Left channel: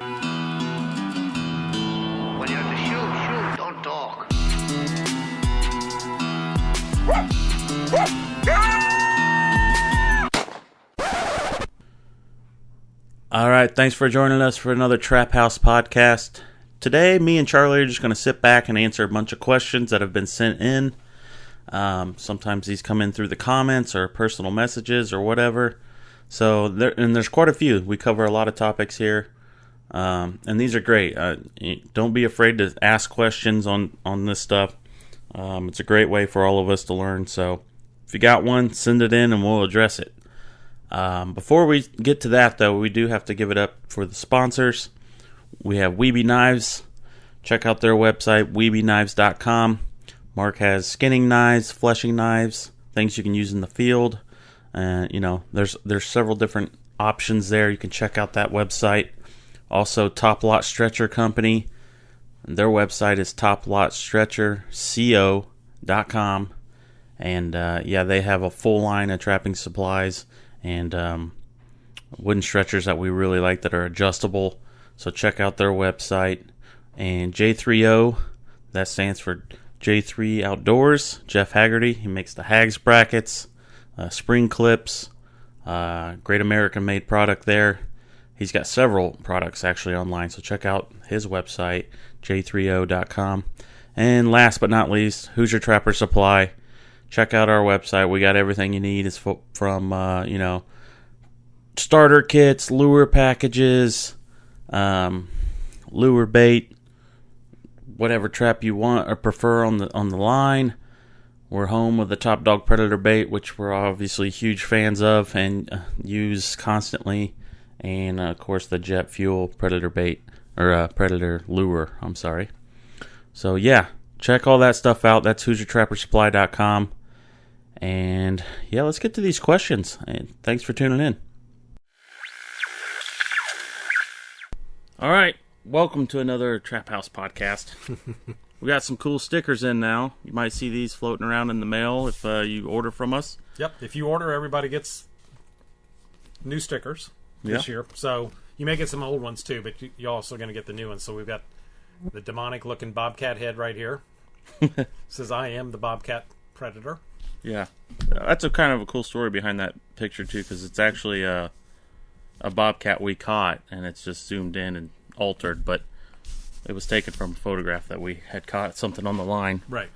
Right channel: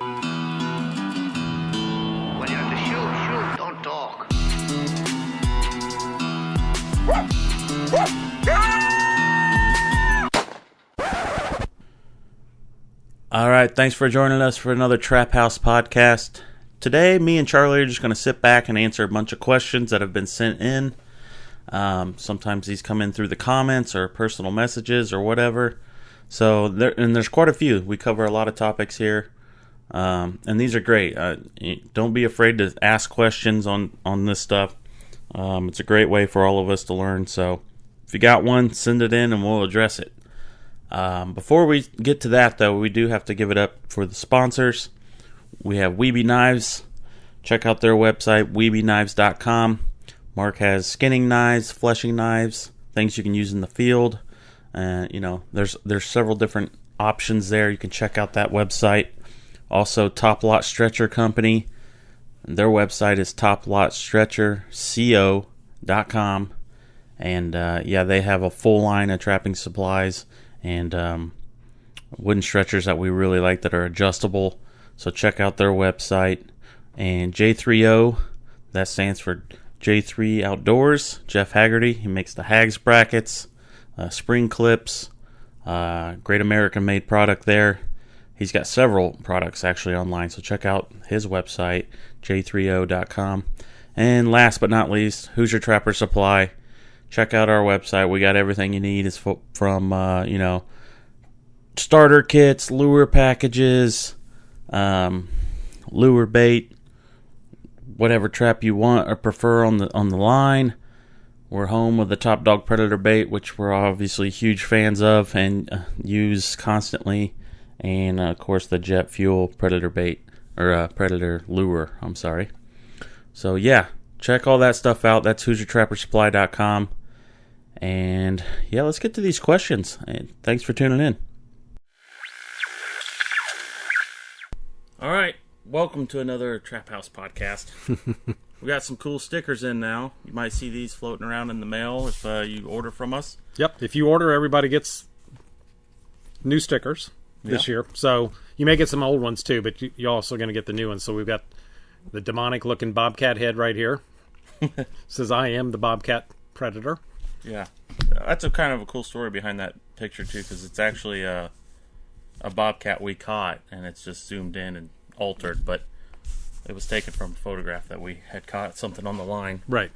When you have to shoot, don't talk. All right, thanks for joining us for another Trap House podcast. Today, me and Charlie are just going to sit back and answer a bunch of questions that have been sent in. Sometimes these come in through the comments or personal messages or whatever. So, there's quite a few. We cover a lot of topics here, and these are great. Don't be afraid to ask questions on this stuff. It's a great way for all of us to learn. So, if you got one, send it in and we'll address it. Before we get to that, though, we do have to give it up for the sponsors. We have Weeby Knives. Check out their website, weebyknives.com. Mark has skinning knives, fleshing knives, things you can use in the field. There's several different options there. You can check out that website. Also, Top Lot Stretcher Company. Their website is toplotstretcherco.com. And, they have a full line of trapping supplies and wooden stretchers that we really like that are adjustable. So check out their website. And J3O, that stands for J3 Outdoors. Jeff Haggerty, he makes the Hags brackets, spring clips, great American-made product there. He's got several products actually online, so check out his website, j3o.com. And last but not least, Hoosier Trapper Supply. Check out our website. We got everything you need. It's from, starter kits, lure packages, lure bait, whatever trap you want or prefer on the line. We're home with the Top Dog Predator bait, which we're obviously huge fans of and use constantly. And, of course, the Jet Fuel Predator bait, or Predator lure, I'm sorry. So, yeah, check all that stuff out. That's HoosierTrapperSupply.com. And, yeah, let's get to these questions. And thanks for tuning in. All right, welcome to another Trap House podcast. We got some cool stickers in now. You might see these floating around in the mail if you order from us. Yep, if you order, everybody gets new stickers this year. So you may get some old ones too, but you're also going to get the new ones. So we've got the demonic-looking bobcat head right here. It says, "I am the bobcat predator." Yeah, that's a kind of a cool story behind that picture too, because it's actually a bobcat we caught, and it's just zoomed in and altered, but it was taken from a photograph that we had caught something on the line. Right.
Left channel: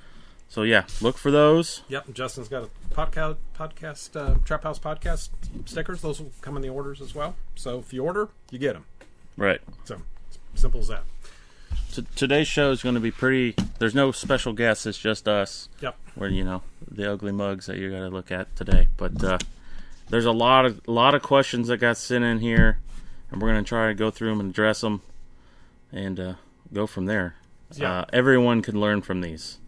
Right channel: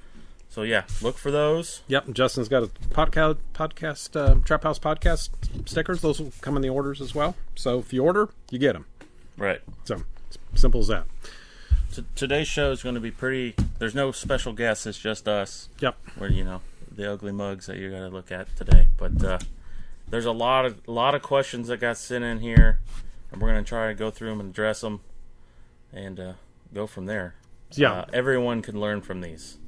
So yeah, look for those. Yep, Justin's got a Trap House podcast stickers. Those will come in the orders as well. So if you order, you get them. Right. So simple as that. Today's show is going to be pretty. There's no special guests. It's just us. Yep. Where the ugly mugs that you're going to look at today. But there's a lot of questions that got sent in here, and we're going to try to go through them and address them, and go from there. Yeah. Everyone can learn from these.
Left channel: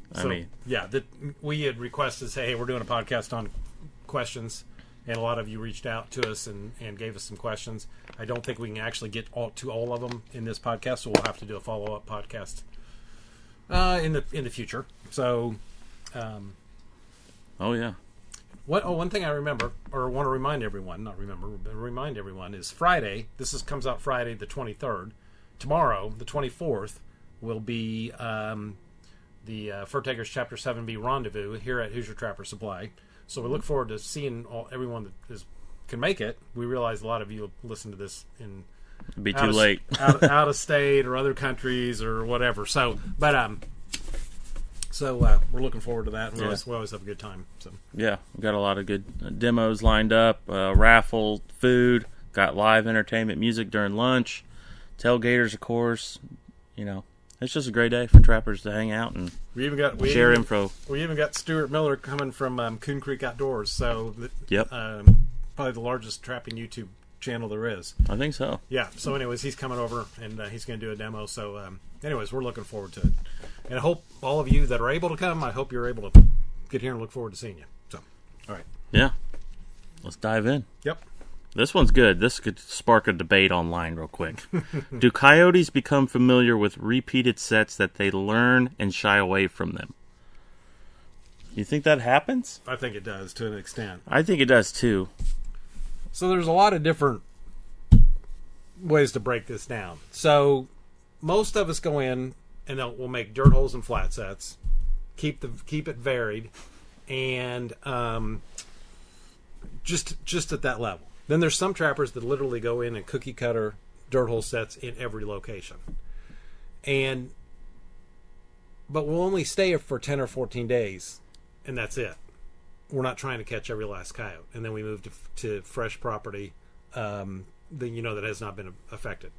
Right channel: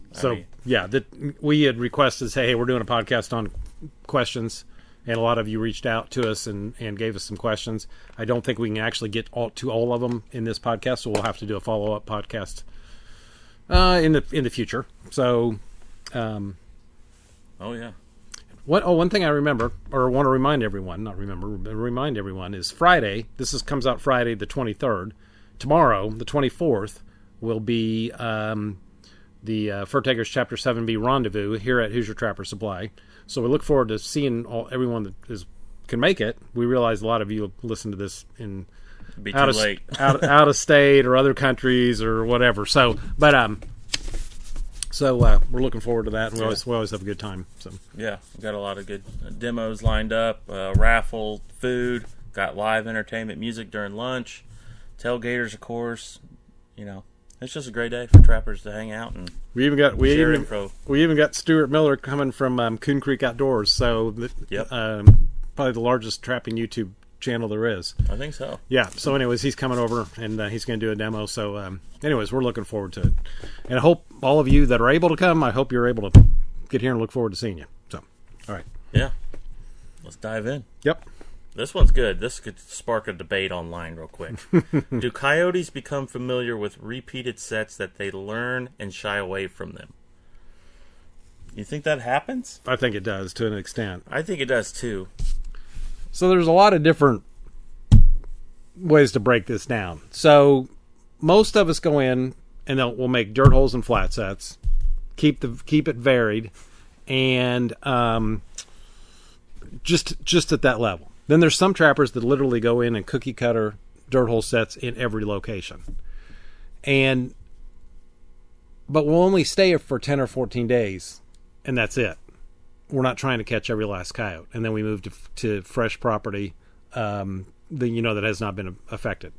We had requested, say, hey, we're doing a podcast on questions, and a lot of you reached out to us and gave us some questions. I don't think we can actually get to all of them in this podcast, so we'll have to do a follow-up podcast in the future. So, oh yeah. One thing I remember, or want to remind everyone, remind everyone, is Friday. Comes out Friday the 23rd. Tomorrow, the 24th, will be the Fur Takers Chapter 7B rendezvous here at Hoosier Trapper Supply. So we look forward to seeing everyone that can make it. We realize a lot of you will listen to this in be too late out of state or other countries or whatever. So we're looking forward to that, and we always have a good time. So yeah, we got a lot of good demos lined up, raffle, food, got live entertainment, music during lunch, tailgaters, of course. It's just a great day for trappers to hang out and share info. We even got Stuart Miller coming from Coon Creek Outdoors, so probably the largest trapping YouTube channel there is. I think so. Yeah. So, anyways, he's coming over and he's going to do a demo. So, anyways, we're looking forward to it, and I hope all of you that are able to come. I hope you're able to get here and look forward to seeing you. So, all right. Yeah. Let's dive in. Yep. This one's good. This could spark a debate online real quick. Do coyotes become familiar with repeated sets that they learn and shy away from them? You think that happens? I think it does to an extent. I think it does too. So there's a lot of different ways to break this down. So most of us go in and we'll make dirt holes and flat sets, keep it varied, and just at that level. Then there's some trappers that literally go in and cookie cutter dirt hole sets in every location, but we'll only stay for 10 or 14 days, and that's it. We're not trying to catch every last coyote, and then we move to fresh property that has not been affected.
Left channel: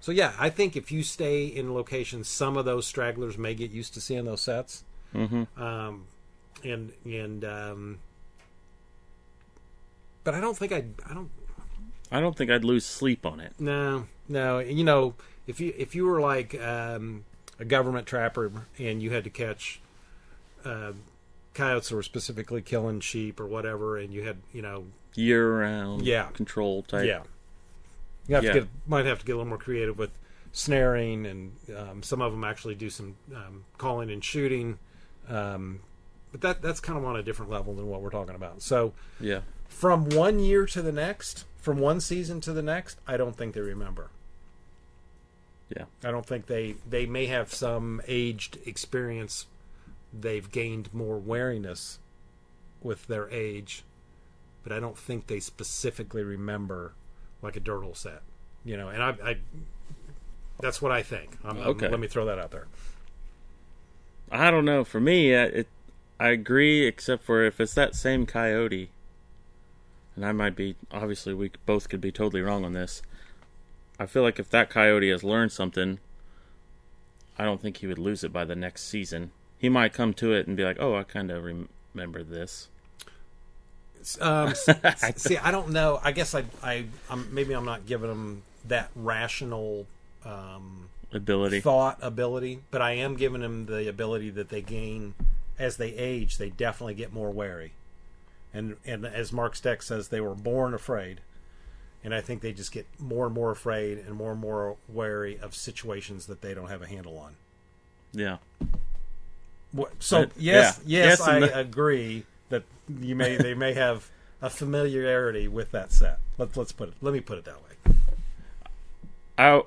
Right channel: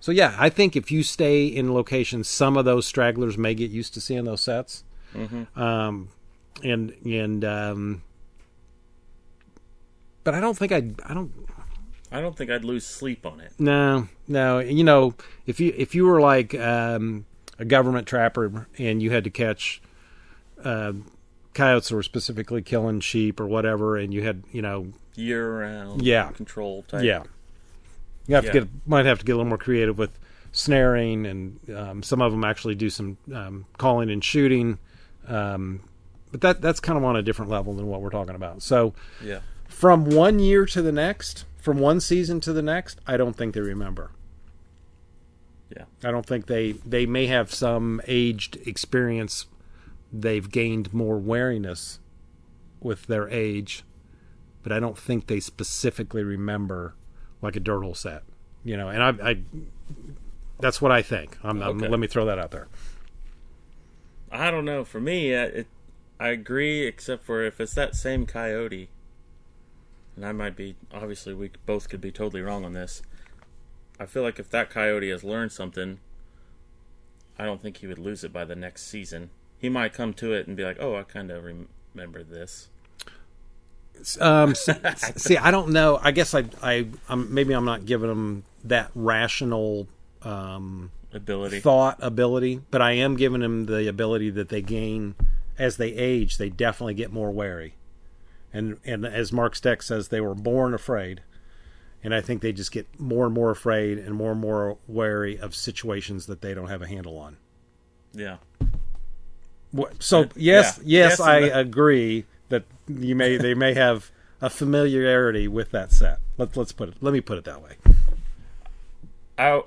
So yeah, I think if you stay in locations, some of those stragglers may get used to seeing those sets. Mm-hmm. But I don't think I don't think I'd lose sleep on it. No. If you were like a government trapper and you had to catch coyotes that were specifically killing sheep or whatever, and you had year-round control type. Yeah. You might have to get a little more creative with snaring, and some of them actually do some calling and shooting. But that's kind of on a different level than what we're talking about. So yeah, from one year to the next, from one season to the next, I don't think they remember. Yeah. I don't think they may have some aged experience. They've gained more wariness with their age, but I don't think they specifically remember like a dirt hole set, and I that's what I think. Okay. Let me throw that out there. I don't know. For me, I agree, except for if it's that same coyote, and I might be, obviously we both could be totally wrong on this. I feel like if that coyote has learned something, I don't think he would lose it by the next season. He might come to it and be like, oh, I kind of remember this. See, I don't know. I guess maybe I'm not giving them that rational ability, but I am giving them the ability that they gain as they age. They definitely get more wary, and as Mark Steck says, they were born afraid, and I think they just get more and more afraid and more wary of situations that they don't have a handle on. Yeah. So yes, I agree that they may have a familiarity with that set. Let me put it that way. I'd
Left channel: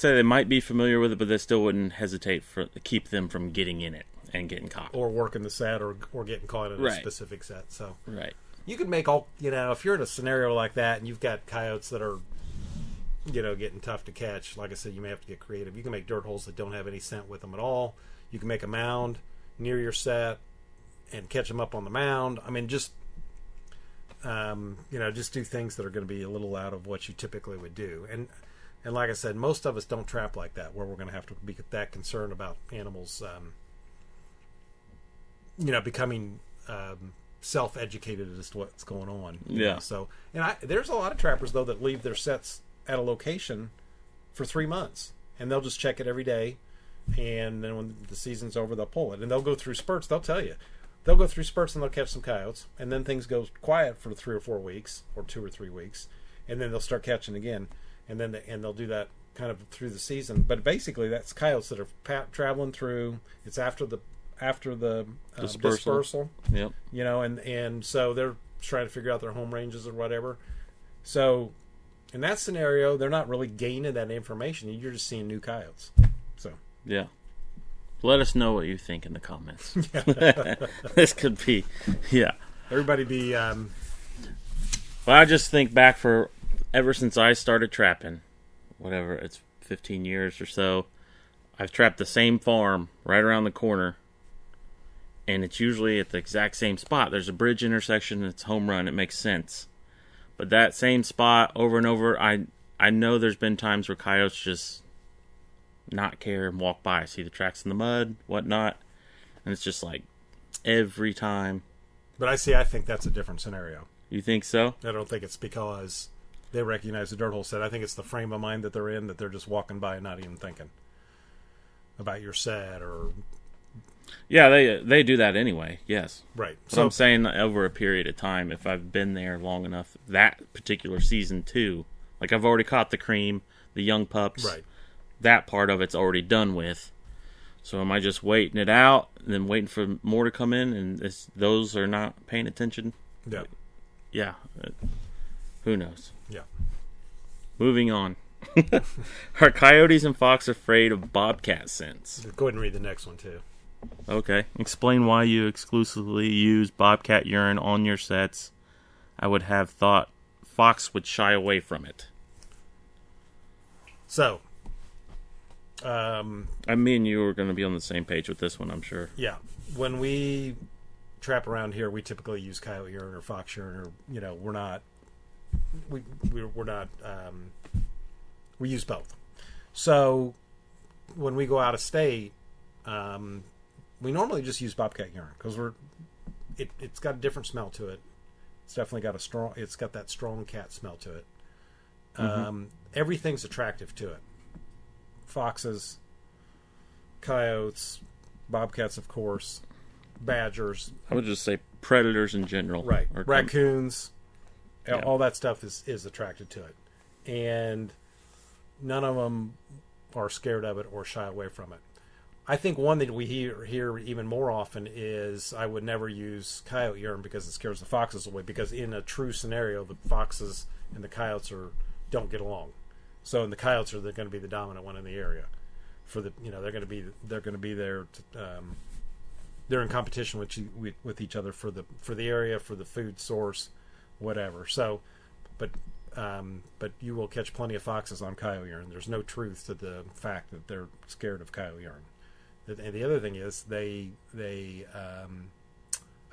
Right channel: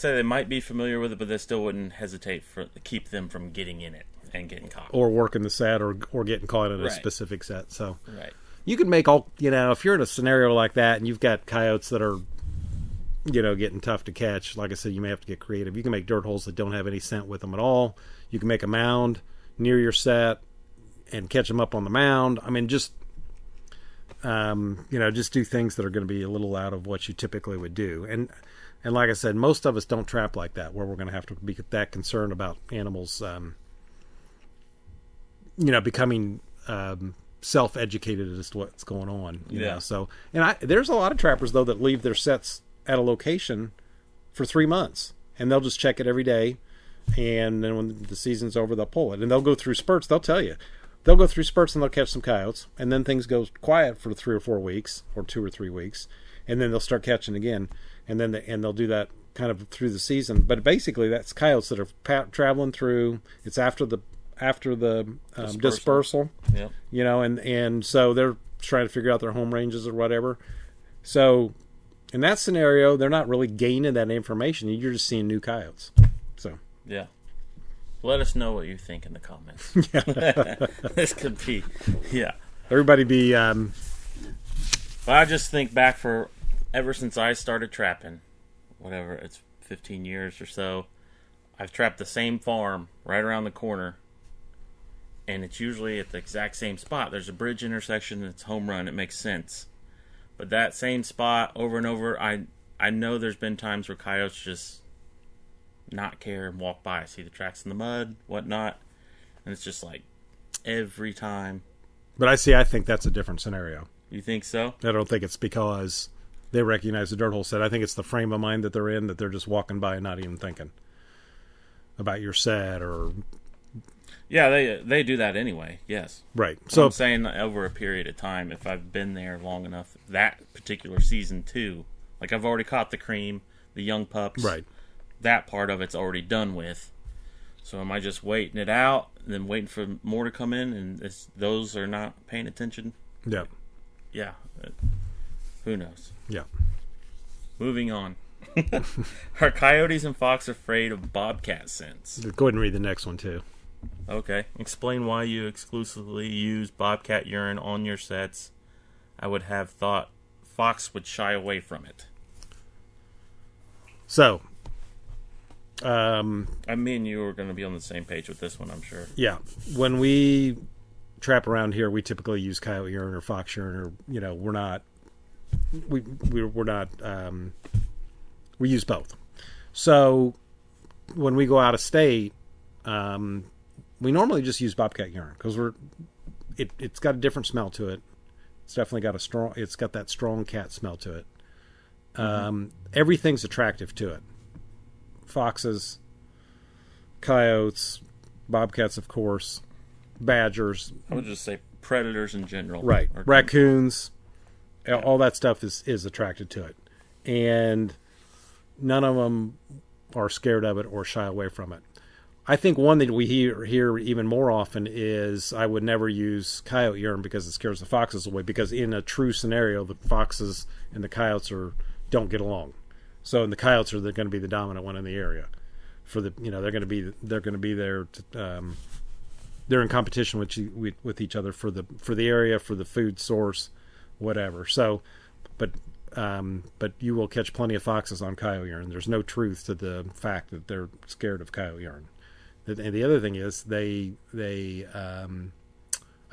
say they might be familiar with it, but they still wouldn't hesitate to keep them from getting in it and getting caught, or working the set, or getting caught in a specific set. So right, you can make all if you're in a scenario like that and you've got coyotes that are getting tough to catch. Like I said, you may have to get creative. You can make dirt holes that don't have any scent with them at all. You can make a mound near your set and catch them up on the mound. I mean, just just do things that are going to be a little out of what you typically would do. And like I said, most of us don't trap like that, where we're going to have to be that concerned about animals, becoming self-educated as to what's going on. So, and there's a lot of trappers though that leave their sets at a location for 3 months, and they'll just check it every day. And then when the season's over, they'll pull it. And they'll go through spurts. They'll tell you. They'll go through spurts and they'll catch some coyotes. And then things go quiet for 3 or 4 weeks, or 2 or 3 weeks. And then they'll start catching again. And then they'll do that kind of through the season. But basically, that's coyotes that are traveling through. It's after the dispersal. Yep. And so they're trying to figure out their home ranges or whatever. So in that scenario, they're not really gaining that information. You're just seeing new coyotes. So. Yeah. Let us know what you think in the comments. This could be, Everybody be... Well, I just think back ever since I started trapping, whatever, it's 15 years or so, I've trapped the same farm right around the corner, and it's usually at the exact same spot. There's a bridge intersection, and it's home run. It makes sense. But that same spot over and over, I know there's been times where coyotes just not care and walk by, see the tracks in the mud, whatnot, and it's just like every time. But I think that's a different scenario. You think so? I don't think it's because they recognize the dirt hole set. I think it's the frame of mind that they're in, that they're just walking by and not even thinking about your set or... Yeah, they do that anyway, yes. Right. So I'm saying over a period of time, if I've been there long enough, that particular season too, like I've already caught the cream, the young pups. Right. That part of it's already done with. So am I just waiting it out and then waiting for more to come in, and those are not paying attention? Yeah. Yeah. Who knows? Yeah. moving on. Are coyotes and fox afraid of bobcat scents? Go ahead and read the next one, too. Okay. Explain why you exclusively use bobcat urine on your sets. I would have thought fox would shy away from it. So, me and you are going to be on the same page with this one, I'm sure. yeah, when we trap around here, we typically use coyote urine or fox urine, or we're not. We're not. We use both. So when we go out of state, we normally just use bobcat urine because it's got a different smell to it. It's definitely got it's got that strong cat smell to it. Everything's attractive to it. Foxes, coyotes, bobcats, of course, badgers. I would just say predators in general. Right. Raccoons. Yeah. All that stuff is attracted to it. And none of them are scared of it or shy away from it. I think one that we hear even more often is I would never use coyote urine because it scares the foxes away. Because in a true scenario, the foxes and the coyotes don't get along. So, and the coyotes are going to be the dominant one in the area. They're going to be there. They're in competition with each other for the area, for the food source, whatever. So, but you will catch plenty of foxes on coyote urine. There's no truth to the fact that they're scared of coyote urine. And the other thing is they I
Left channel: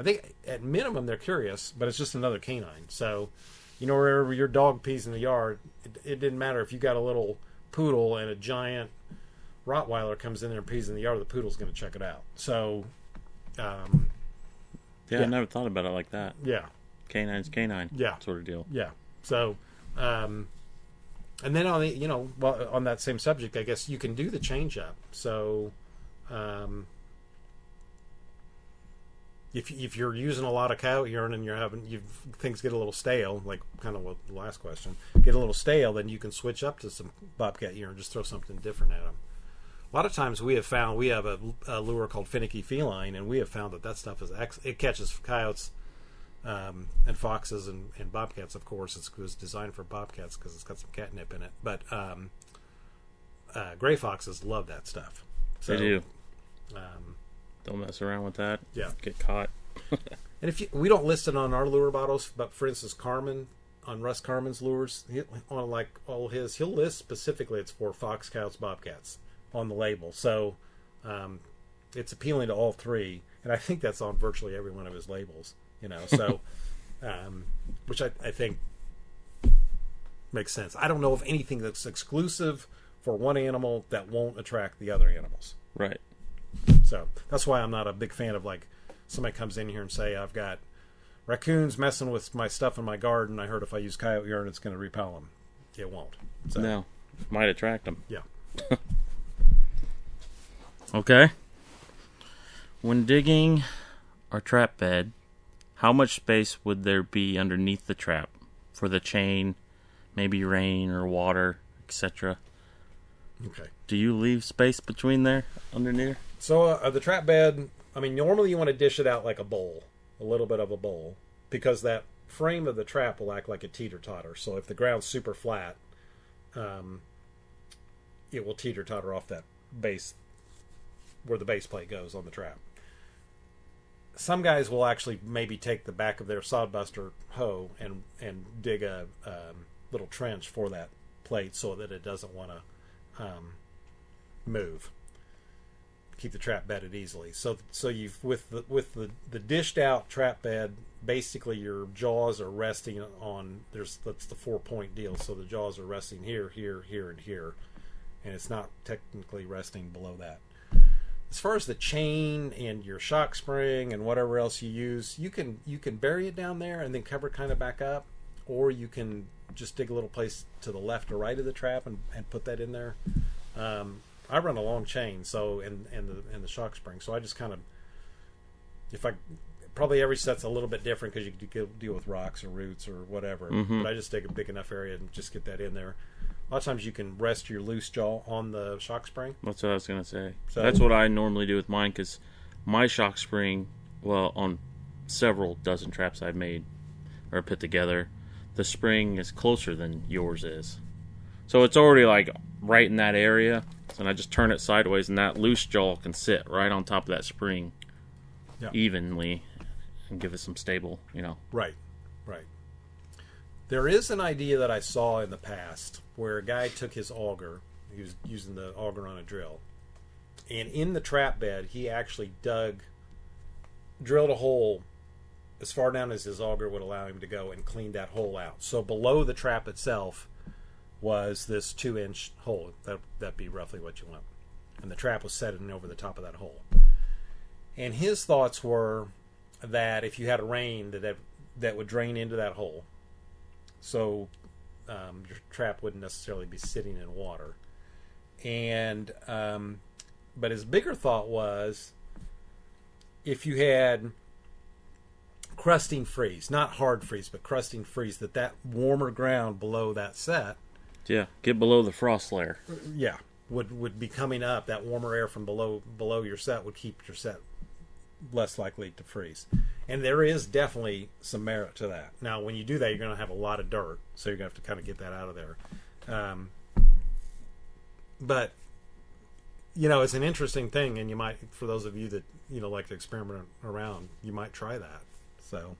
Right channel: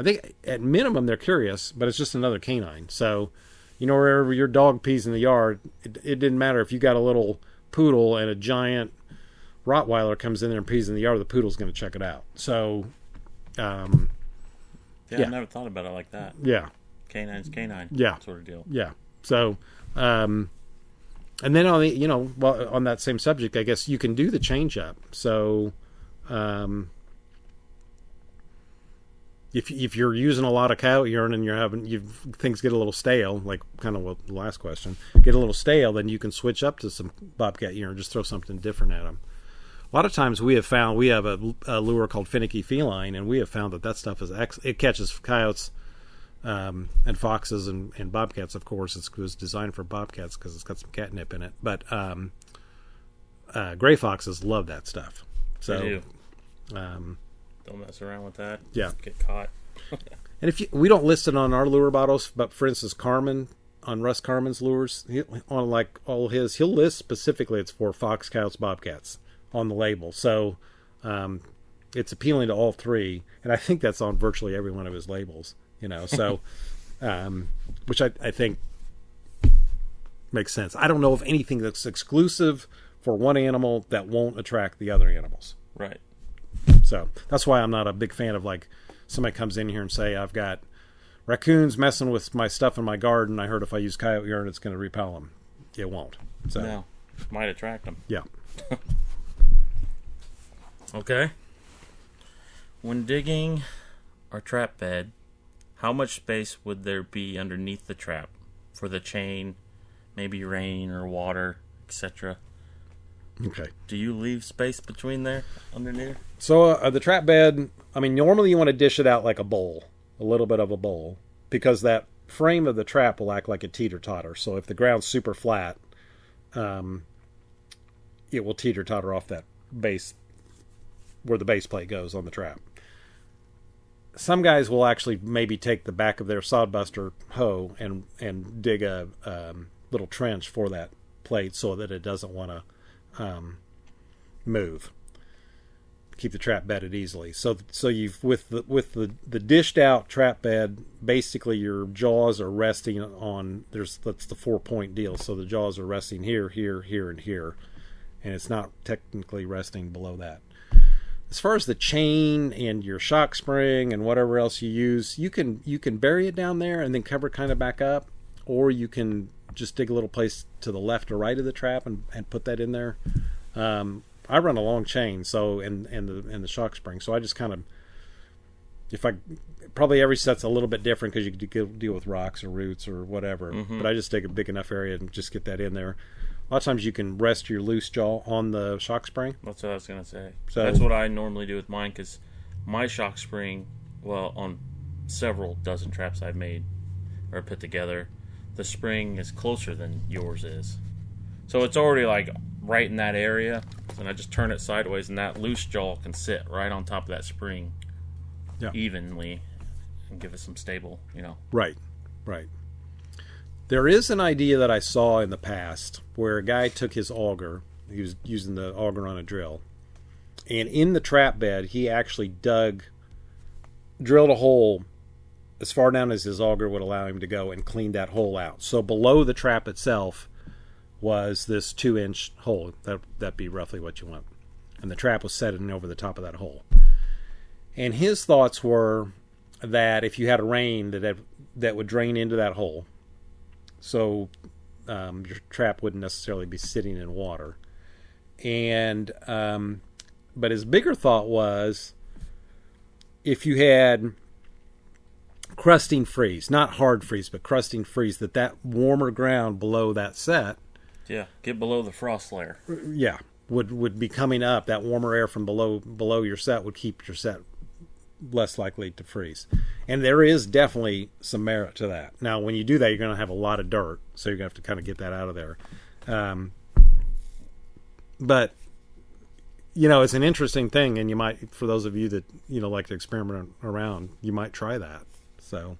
think at minimum they're curious, but it's just another canine. So, wherever your dog pees in the yard, it didn't matter if you got a little poodle and a giant Rottweiler comes in there and pees in the yard, the poodle's going to check it out. So, I never thought about it like that. Yeah. Canine's canine. Yeah. Sort of deal. Yeah. So, and then on the, on that same subject, I guess you can do the change up. So, if you're using a lot of coyote urine and things get a little stale, like kind of what the last question, get a little stale, then you can switch up to some bobcat urine, just throw something different at them. A lot of times we have a lure called finicky feline, and we have found that stuff it catches coyotes and foxes and bobcats. Of course, it was designed for bobcats because it's got some catnip in it. But gray foxes love that stuff. So, they do. Don't mess around with that. Yeah, get caught. And we don't list it on our lure bottles, but for instance, Russ Carmen's lures, on like all his, he'll list specifically it's for fox, coyotes, bobcats on the label. So it's appealing to all three, and I think that's on virtually every one of his labels. So which I think makes sense. I don't know of anything that's exclusive for one animal that won't attract the other animals. Right. So that's why I'm not a big fan of like somebody comes in here and say I've got raccoons messing with my stuff in my garden. I heard if I use coyote urine, it's going to repel them. It won't. So, no, might attract them. Yeah. Okay. When digging our trap bed, how much space would there be underneath the trap for the chain, maybe rain or water, etc.? Okay. Do you leave space between there, underneath? So the trap bed, normally you want to dish it out like a bowl, a little bit of a bowl, because that frame of the trap will act like a teeter-totter. So if the ground's super flat, it will teeter-totter off that base, where the base plate goes on the trap. Some guys will actually maybe take the back of their sodbuster hoe and dig a little trench for that plate so that it doesn't want to move. Keep the trap bedded easily. So you've with the dished out trap bed, basically your jaws are resting on that's the 4-point deal. So the jaws are resting here, here, here, and here, and it's not technically resting below that. As far as the chain and your shock spring and whatever else you use, you can bury it down there and then cover it kind of back up, or you can just dig a little place to the left or right of the trap and put that in there. I run a long chain, so and the shock spring, so I just kind of, probably every set's a little bit different because you can deal with rocks or roots or whatever. Mm-hmm. But I just dig a big enough area and just get that in there. A lot of times you can rest your loose jaw on the shock spring. That's what I was going to say. So that's what I normally do with mine, because my shock spring, on several dozen traps I've made or put together, the spring is closer than yours is. So it's already like right in that area. And I just turn it sideways, and that loose jaw can sit right on top of that spring evenly and give it some stable, Right. There is an idea that I saw in the past where a guy took his auger, he was using the auger on a drill, and in the trap bed, he actually drilled a hole as far down as his auger would allow him to go and cleaned that hole out. So below the trap itself was this 2-inch hole. That'd be roughly what you want. And the trap was set in over the top of that hole. And his thoughts were that if you had a rain that would drain into that hole, so your trap wouldn't necessarily be sitting in water. And but his bigger thought was if you had crusting freeze, not hard freeze, but crusting freeze, that warmer ground below that set, get below the frost layer. Would be coming up. That warmer air from below your set would keep your set less likely to freeze. And there is definitely some merit to that. Now, when you do that, you're going to have a lot of dirt, so you're going to have to kind of get that out of there. But it's an interesting thing, and you might, for those of you that like to experiment around, you might try that. So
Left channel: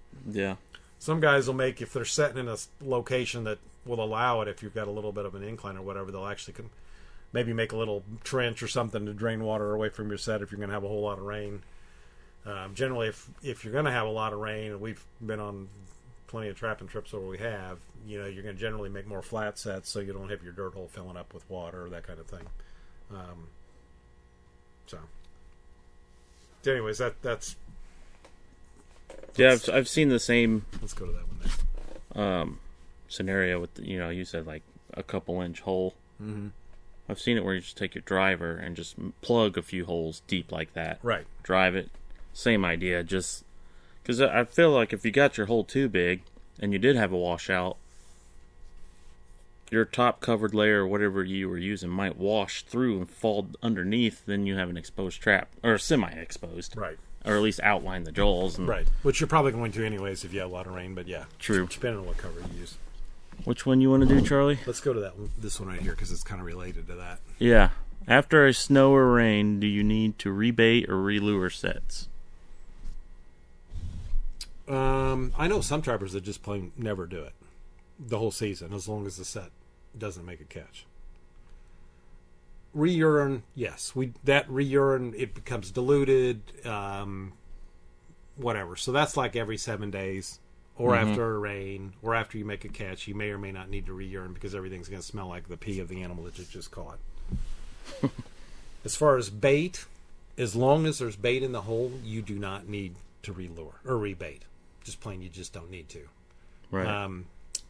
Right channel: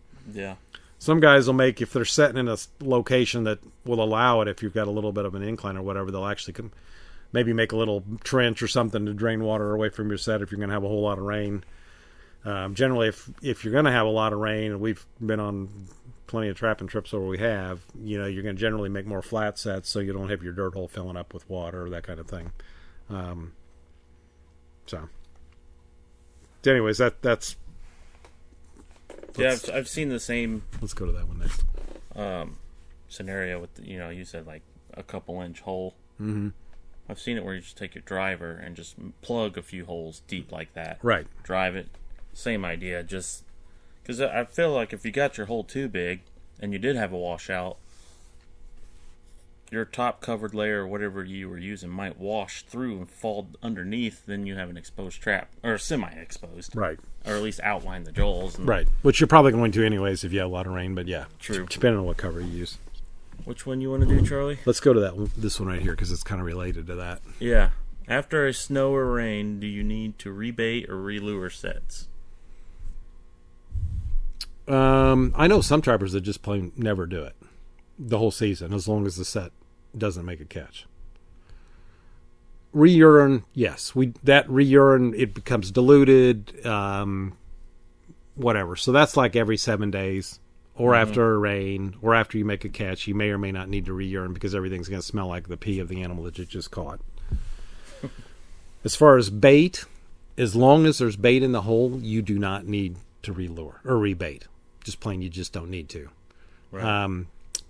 some guys will make, if they're setting in a location that will allow it, if you've got a little bit of an incline or whatever, they'll actually maybe make a little trench or something to drain water away from your set if you're going to have a whole lot of rain. Generally, if you're going to have a lot of rain, and we've been on plenty of trapping trips where we have, you're going to generally make more flat sets so you don't have your dirt hole filling up with water or that kind of thing. So anyways, that's I've seen the same. Let's go to that one next. Scenario with you said like a couple inch hole. Mm-hmm. I've seen it where you just take your driver and just plug a few holes deep like that. Right. Drive it. Same idea. Just because I feel like if you got your hole too big and you did have a washout, your top covered layer or whatever you were using might wash through and fall underneath. Then you have an exposed trap, or semi-exposed. Right. Or at least outline the jaws. Right. Which you're probably going to anyways if you have a lot of rain, but yeah. True. Depending on what cover you use. Which one you want to do, Charlie? Let's go to this one right here because it's kind of related to that. Yeah. After a snow or rain, do you need to rebait or relure sets? I know some trappers that just plain never do it the whole season as long as the set doesn't make a catch. Re-urine, yes. That re-urine, it becomes diluted, whatever. So that's like every 7 days. Or after a rain, or after you make a catch, you may or may not need to re-urine because everything's going to smell like the pee of the animal that you just caught. As far as bait, as long as there's bait in the hole, you do not need to relure or rebait. Just plain, you just don't need to. Right.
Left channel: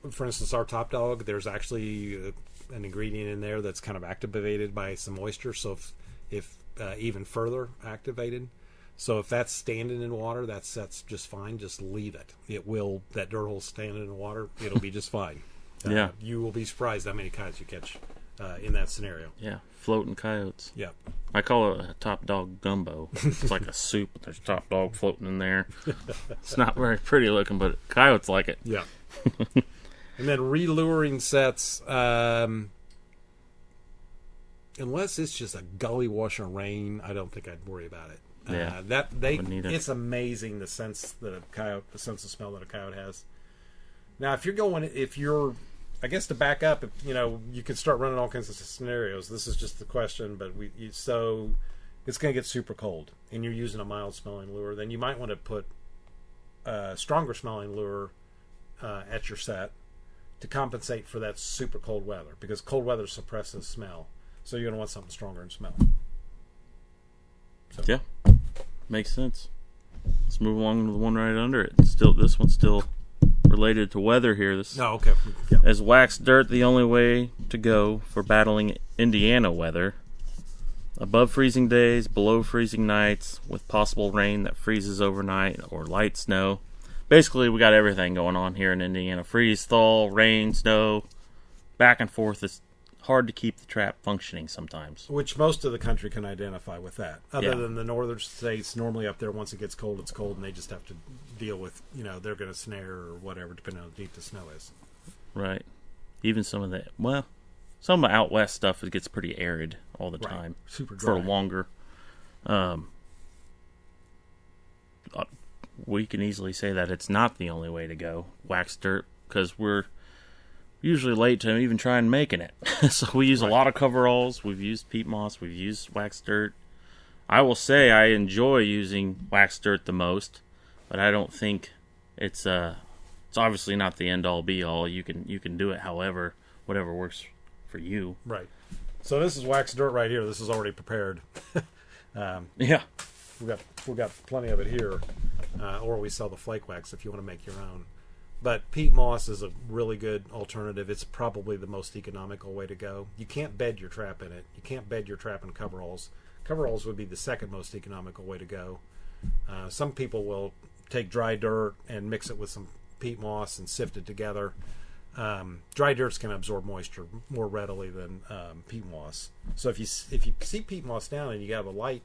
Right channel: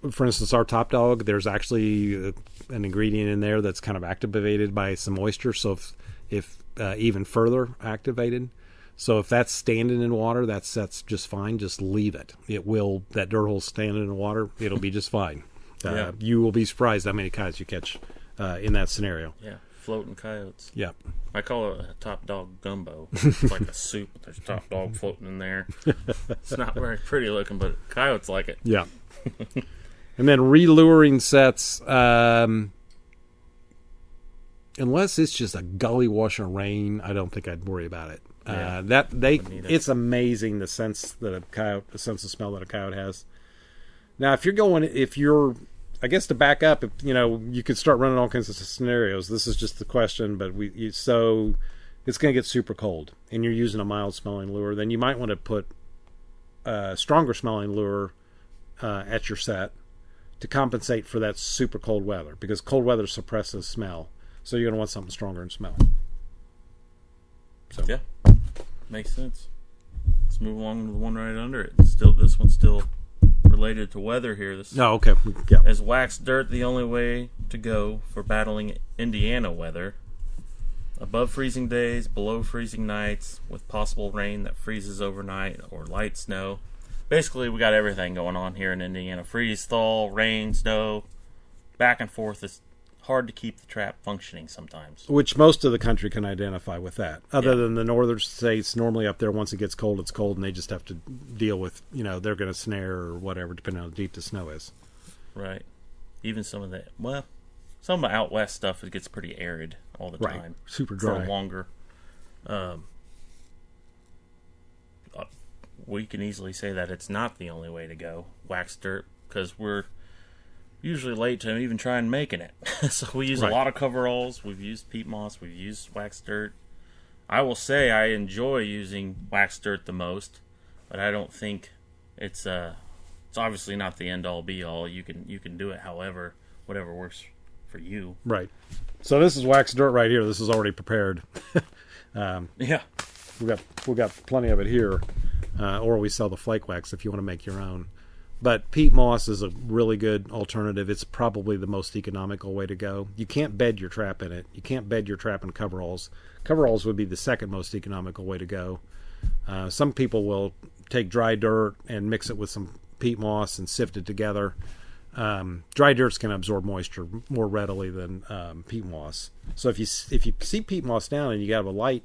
For instance, our top dog, there's actually an ingredient in there that's kind of activated by some moisture. So if even further activated. So if that's standing in water, that set's just fine. Just leave it. That dirt hole standing in water, it'll be just fine. You will be surprised how many coyotes you catch in that scenario. Yeah, floating coyotes. Yeah. I call it a top dog gumbo. It's like a soup. There's top dog floating in there. It's not very pretty looking, but coyotes like it. Yeah. And then reluring sets, unless it's just a gully wash of rain, I don't think I'd worry about it. Yeah, it's amazing the sense of smell that a coyote has. Now, I guess to back up, you could start running all kinds of scenarios. This is just the question, but so it's going to get super cold, and you're using a mild smelling lure. Then you might want to put a stronger smelling lure at your set to compensate for that super cold weather, because cold weather suppresses smell. So you're going to want something stronger in smell. So. Yeah, makes sense. Let's move along to the one right under it. This one's still related to weather here. Okay. Yeah. Is wax dirt the only way to go for battling Indiana weather? Above freezing days, below freezing nights, with possible rain that freezes overnight or light snow. Basically, we got everything going on here in Indiana. Freeze, thaw, rain, snow, back and forth. It's hard to keep the trap functioning sometimes. Which most of the country can identify with that. Other than the northern states, normally up there, once it gets cold, it's cold, and they just have to deal with, they're going to snare or whatever, depending on how deep the snow is. Right. Even some some of the out west stuff, it gets pretty arid all the Right. time. Super dry. For longer. We can easily say that it's not the only way to go, wax dirt, because we're usually late to even try and making it. So we use a lot of coveralls. We've used peat moss. We've used wax dirt. I will say I enjoy using wax dirt the most, but I don't think it's obviously not the end all be all. You can do it however, whatever works for you. Right. So this is wax dirt right here. This is already prepared. Yeah. We got plenty of it here, or we sell the flake wax if you want to make your own. But peat moss is a really good alternative. It's probably the most economical way to go. You can't bed your trap in it. You can't bed your trap in coveralls. Coveralls would be the second most economical way to go. Some people will take dry dirt and mix it with some peat moss and sift it together. Dry dirt's going to absorb moisture more readily than peat moss. So if you see peat moss down and you have a light,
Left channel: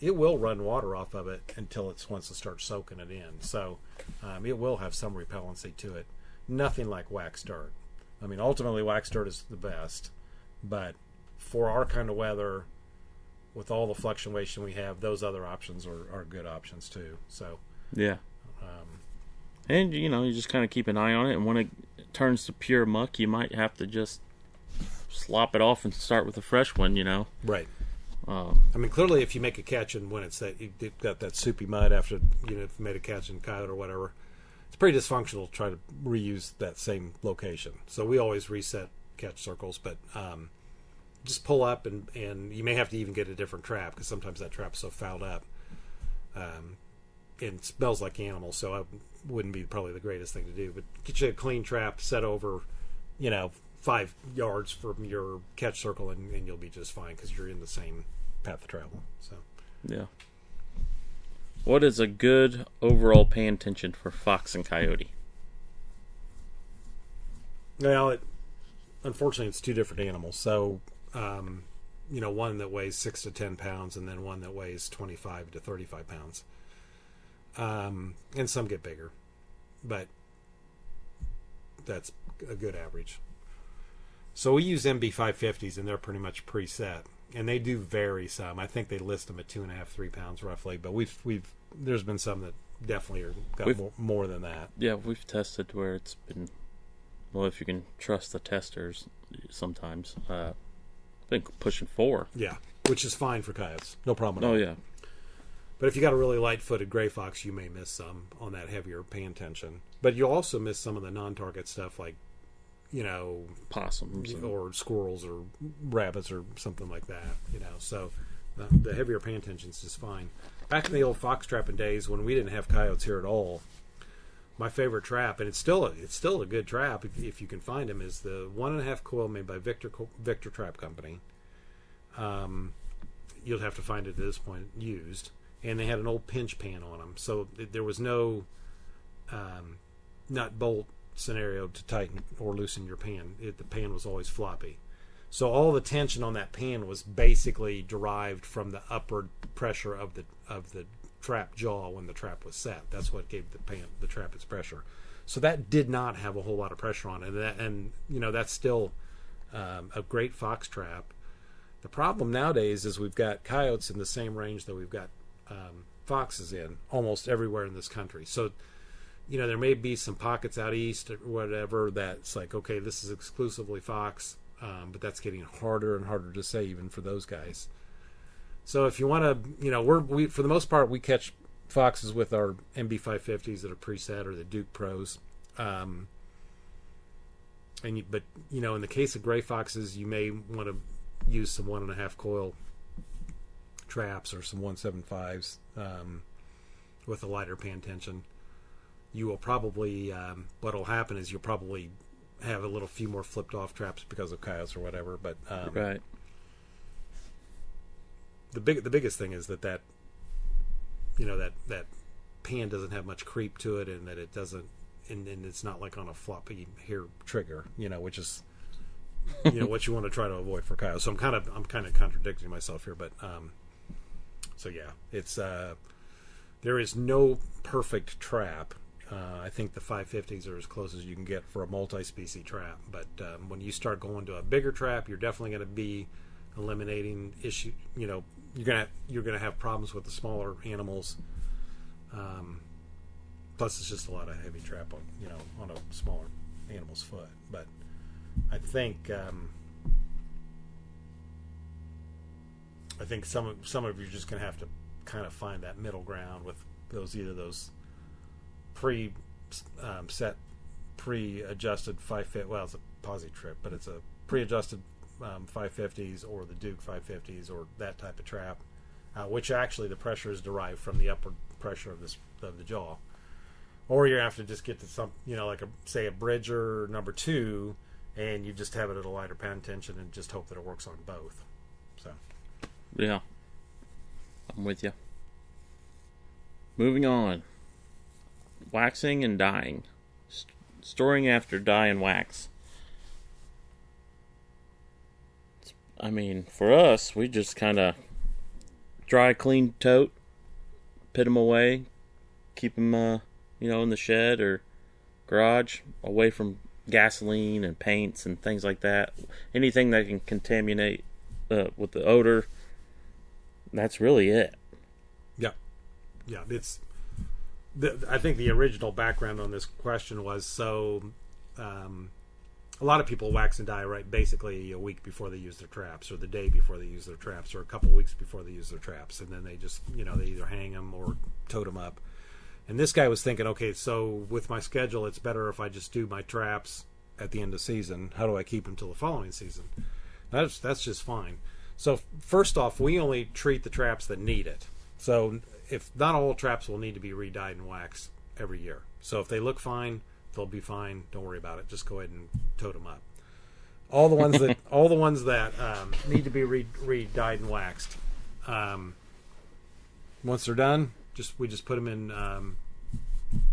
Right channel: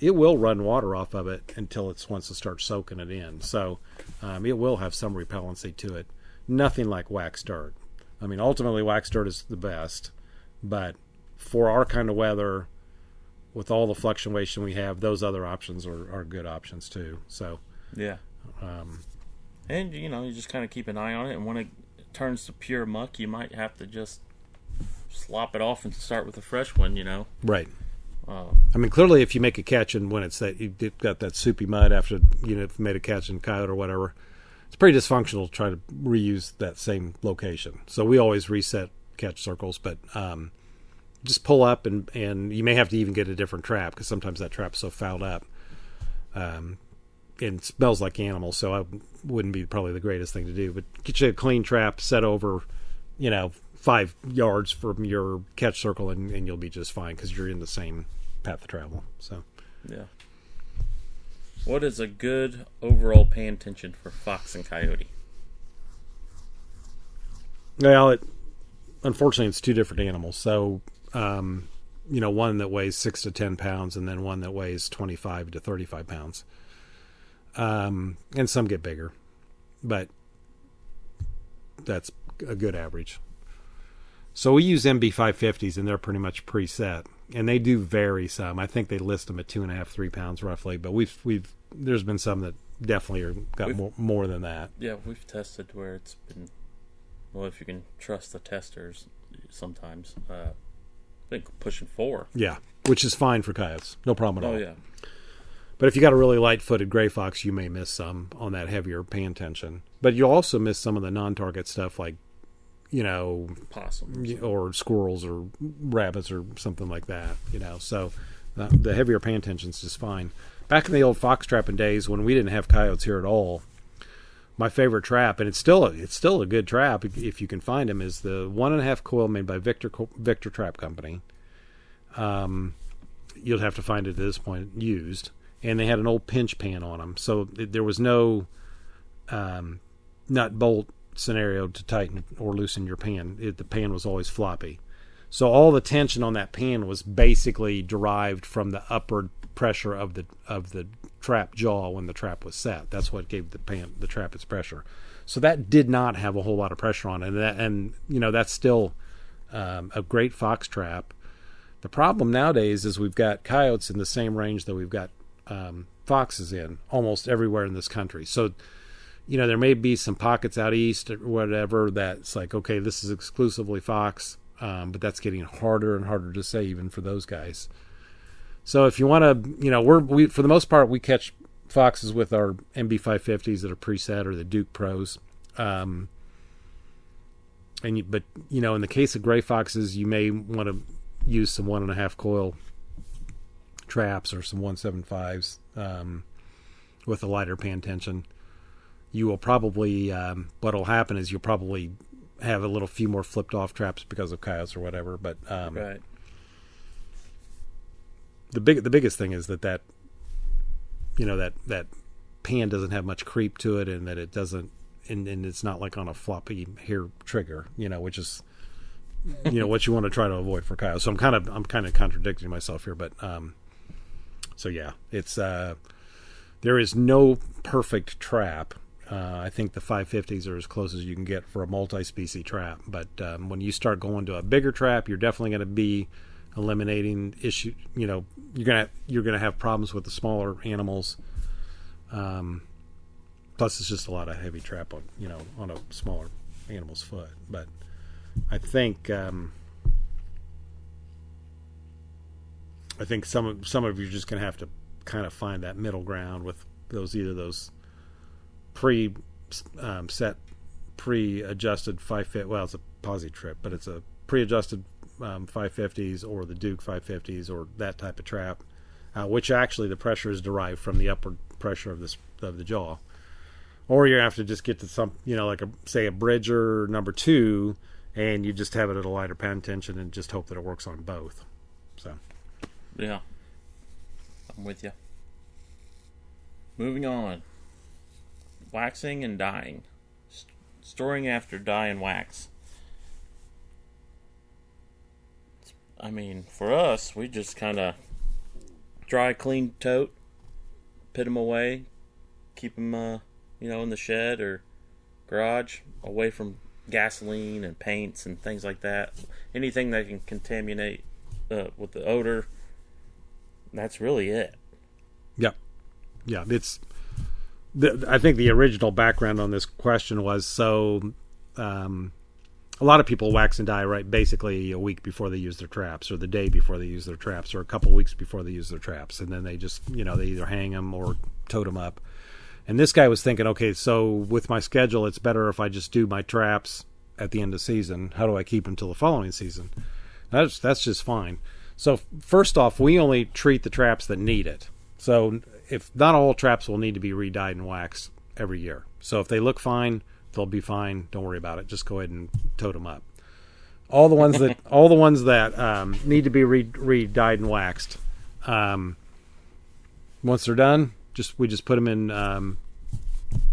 it will run water off of it until it wants to start soaking it in. So it will have some repellency to it. Nothing like wax dirt. I mean, ultimately, wax dirt is the best. But for our kind of weather, with all the fluctuation we have, those other options are good options too. So yeah. And, you just kind of keep an eye on it. And when it turns to pure muck, you might have to just slop it off and start with a fresh one, Right. I mean, clearly, if you make a catch and when it's that you've got that soupy mud after you've made a catch in Coyote or whatever, it's pretty dysfunctional to try to reuse that same location. So we always reset catch circles, but just pull up and you may have to even get a different trap because sometimes that trap's so fouled up and it smells like animals. So I wouldn't be probably the greatest thing to do. But get you a clean trap, set over, 5 yards from your catch circle, and you'll be just fine because you're in the same path of travel. So, yeah. What is a good overall pay attention for fox and coyote? Well, unfortunately, it's two different animals. So, one that weighs 6 to 10 pounds, and then one that weighs 25 to 35 pounds. And some get bigger, but that's a good average. So we use MB550s, and they're pretty much preset, and they do vary some. I think they list them at 2.5, 3 pounds roughly, but there's been some that definitely got more than that. Yeah, we've tested where it's been, well, if you can trust the testers, sometimes I think pushing 4. Yeah, which is fine for coyotes, no problem at all. Oh yeah. But if you got a really light-footed gray fox, you may miss some on that heavier pan tension. But you'll also miss some of the non-target stuff like, possums or squirrels or rabbits or something like that. So the heavier pan tension's just fine. Back in the old fox trapping days when we didn't have coyotes here at all, my favorite trap, and it's still a good trap if you can find them, is the 1.5 coil made by Victor Trap Company. You'll have to find it at this point used. And they had an old pinch pan on them. So there was no nut bolt scenario to tighten or loosen your pan. The pan was always floppy. So all the tension on that pan was basically derived from the upward pressure of the trap jaw when the trap was set. That's what gave the trap its pressure. So that did not have a whole lot of pressure on it. And that's still a great fox trap. The problem nowadays is we've got coyotes in the same range that we've got foxes in almost everywhere in this country. So, there may be some pockets out east or whatever that's like, okay, this is exclusively fox, but that's getting harder and harder to say even for those guys. So if you want to, we for the most part, we catch foxes with our MB550s that are preset or the Duke Pros. But in the case of gray foxes, you may want to use some 1.5 coil traps or some 175s with a lighter pan tension. You will probably what'll happen is you'll probably have a few more flipped off traps because of coyotes or whatever. But right. The biggest thing is that pan doesn't have much creep to it, and that it doesn't, and it's not like on a floppy hair trigger, which is what you want to try to avoid for coyotes. So I'm kind of contradicting myself here, but so yeah, it's there is no perfect trap I think the 550s are as close as you can get for a multi-species trap. But when you start going to a bigger trap, you're definitely going to be eliminating issue. You know, you're gonna have problems with the smaller animals. Plus, it's just a lot of heavy trap on a smaller animal's foot. But I think some of you're just gonna have to kind of find that middle ground with either those pre-adjusted 550. Well, it's a posi trip, but it's a pre-adjusted 550s or the Duke 550s or that type of trap, which actually the pressure is derived from the upward pressure of the jaw. Or you have to just get to some, like a Bridger number 2, and you just have it at a lighter pound tension and just hope that it works on both. So, yeah, I'm with you. Moving on. Waxing and dyeing. Storing after dye and wax. I mean, for us, we just kind of dry, clean tote, put them away, keep them, in the shed or garage, away from gasoline and paints and things like that. Anything that can contaminate with the odor. That's really it. Yeah. It's. I think the original background on this question was a lot of people wax and dye right basically a week before they use their traps, or the day before they use their traps, or a couple weeks before they use their traps, and then they just they either hang them or tote them up. And this guy was thinking, okay, so with my schedule, it's better if I just do my traps at the end of season. How do I keep them till the following season? That's just fine. So first off, we only treat the traps that need it. So if not all traps will need to be re-dyed and waxed every year. So if they look fine, they'll be fine. Don't worry about it. Just go ahead and tote them up. All the ones that need to be re-dyed and waxed. Once they're done, we just put them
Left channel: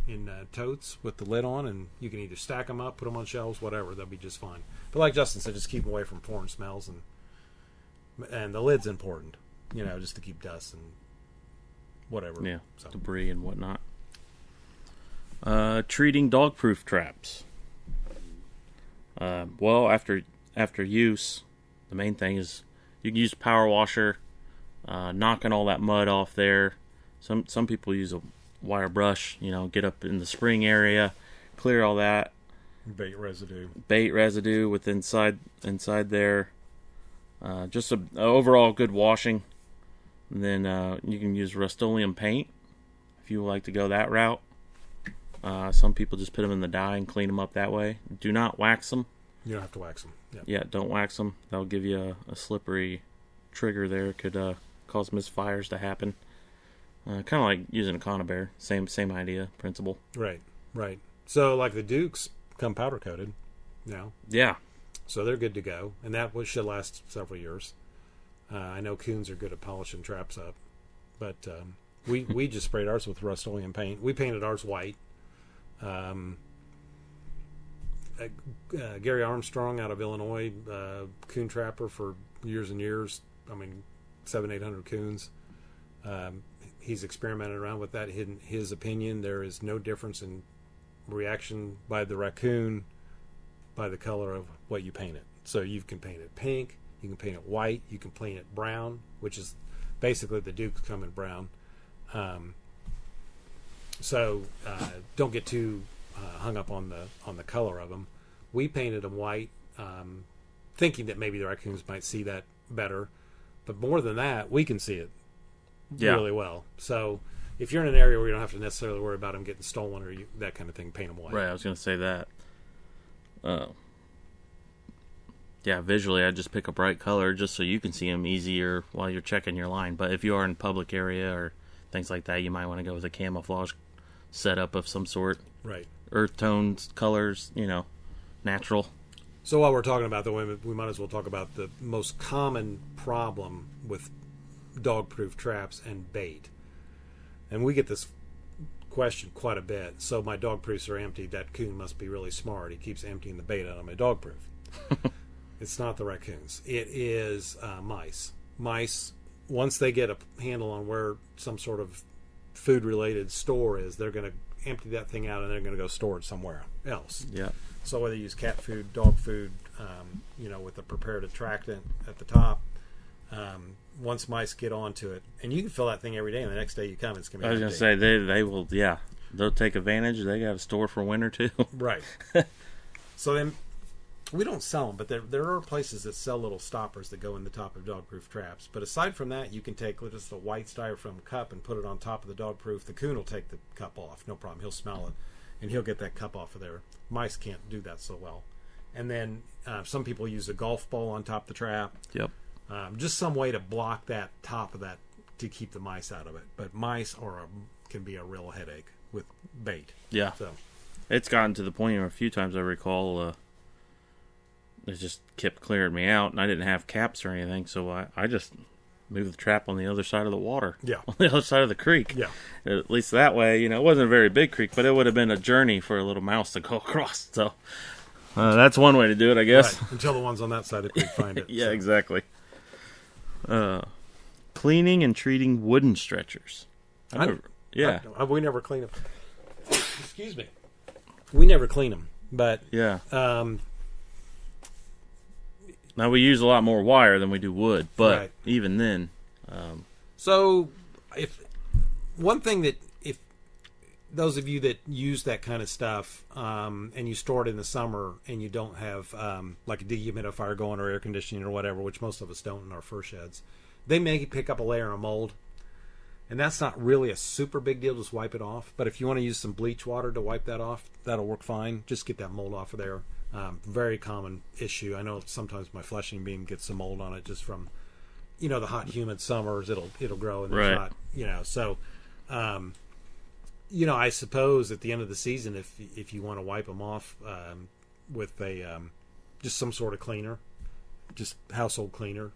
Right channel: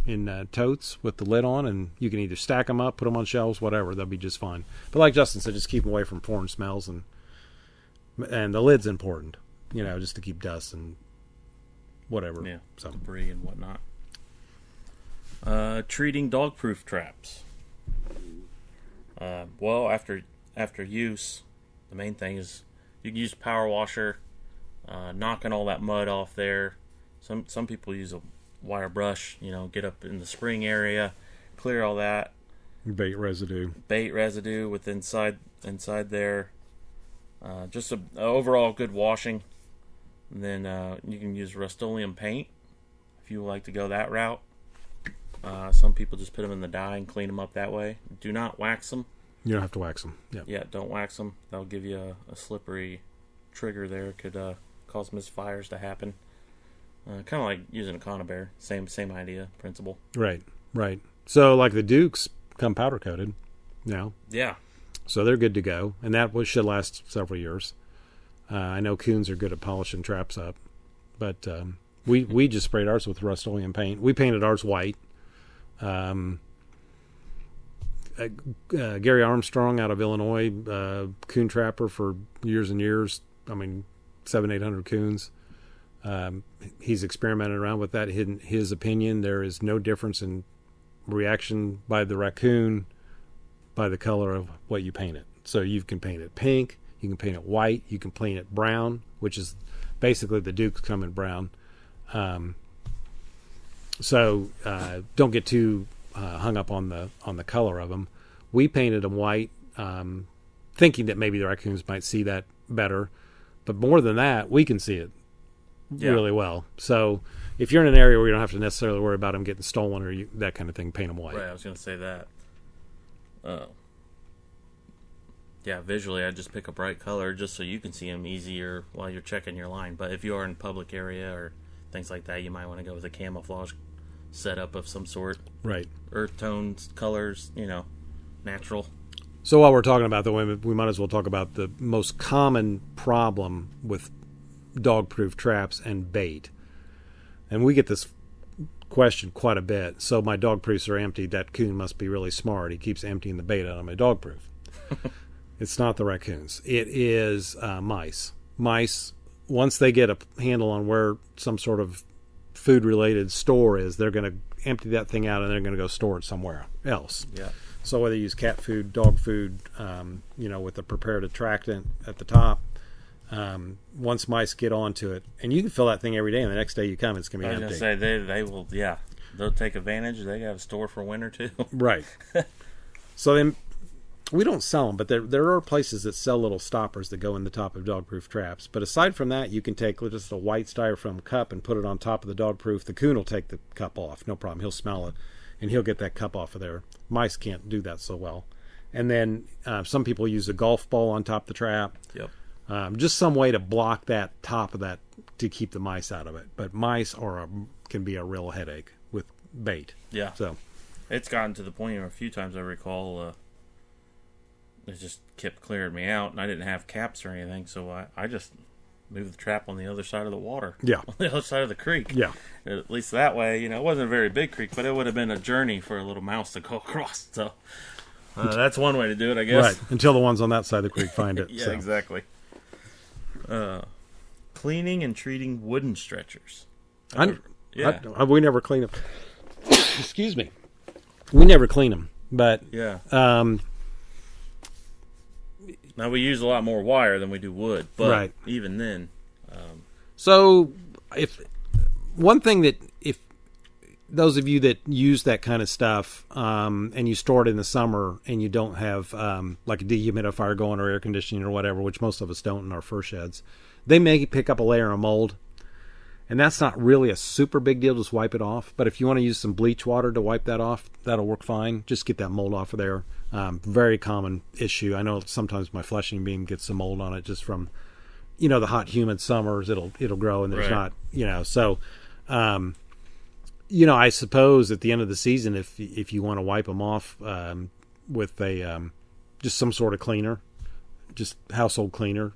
in totes with the lid on, and you can either stack them up, put them on shelves, whatever. They'll be just fine. But like Justin said, just keep them away from foreign smells, and the lid's important, just to keep dust and whatever. Yeah, debris and whatnot. Treating dog-proof traps. Well, after use, the main thing is you can use power washer, knocking all that mud off there. Some people use a wire brush, get up in the spring area, clear all that bait residue with inside there. Just a overall good washing. And then you can use Rust-Oleum paint if you like to go that route. Some people just put them in the dye and clean them up that way. Do not wax them. You don't have to wax them. Yeah, don't wax them. That'll give you a slippery trigger there. Could cause misfires to happen. Kind of like using a conibear. Same idea, principle. Right. So like the Dukes come powder coated now. Yeah. So they're good to go, and that should last several years. I know coons are good at polishing traps up, but we just sprayed ours with Rust-Oleum paint. We painted ours white. Gary Armstrong out of Illinois, coon trapper for years and years. I mean, 700-800 coons. He's experimented around with that. In his opinion, there is no difference in reaction by the raccoon by the color of what you paint it. So you can paint it pink, you can paint it white, you can paint it brown, which is basically the Dukes come in brown. So don't get too hung up on the color of them. We painted them white, thinking that maybe the raccoons might see that better. But more than that, we can see it really well. So if you're in an area where you don't have to necessarily worry about them getting stolen or that kind of thing, paint them white. Right, I was going to say that. Yeah, visually, I just pick a bright color just so you can see them easier while you're checking your line. But if you are in public area or things like that, you might want to go with a camouflage setup of some sort. Right. Earth tones, colors, natural. So while we're talking about the women, we might as well talk about the most common problem with dog-proof traps and bait. And we get this question quite a bit. So my dog-proofs are empty. That coon must be really smart. He keeps emptying the bait out of my dog-proof. It's not the raccoons. It is mice. Mice, once they get a handle on where some sort of food-related store is, they're going to empty that thing out, and they're going to go store it somewhere else. Yeah. So whether you use cat food, dog food, with a prepared attractant at the top, once mice get onto it, and you can fill that thing every day, and the next day you come, it's going to be empty. I was going to say, they will, yeah, they'll take advantage. They got a store for winter, too. Right. So then, we don't sell them, but there are places that sell little stoppers that go in the top of dog-proof traps. But aside from that, you can take just a white styrofoam cup and put it on top of the dog-proof. The coon will take the cup off, no problem. He'll smell it, and he'll get that cup off of there. Mice can't do that so well. And then some people use a golf ball on top of the trap. Yep. Just some way to block that top of that to keep the mice out of it. But mice can be a real headache with bait. Yeah. So it's gotten to the point where a few times I recall it just kept clearing me out, and I didn't have caps or anything, so I just moved the trap on the other side of the water. Yeah. On the other side of the creek. Yeah. At least that way, it wasn't a very big creek, but it would have been a journey for a little mouse to go across. So that's one way to do it, I guess. Right. Until the ones on that side of the creek find it. Yeah, so. Exactly. Cleaning and treating wooden stretchers. We never clean them. Excuse me. We never clean them, but yeah. Now we use a lot more wire than we do wood, but right. Even then. So, if one thing that if those of you that use that kind of stuff and you store it in the summer and you don't have like a dehumidifier going or air conditioning or whatever, which most of us don't in our fur sheds, they may pick up a layer of mold. And that's not really a super big deal. Just wipe it off. But if you want to use some bleach water to wipe that off, that'll work fine. Just get that mold off of there. Very common issue. I know sometimes my fleshing beam gets some mold on it just from, the hot, humid summers. It'll grow, and there's right. not, So, I suppose at the end of the season, if you want to wipe them off with a just some sort of cleaner, just household cleaner.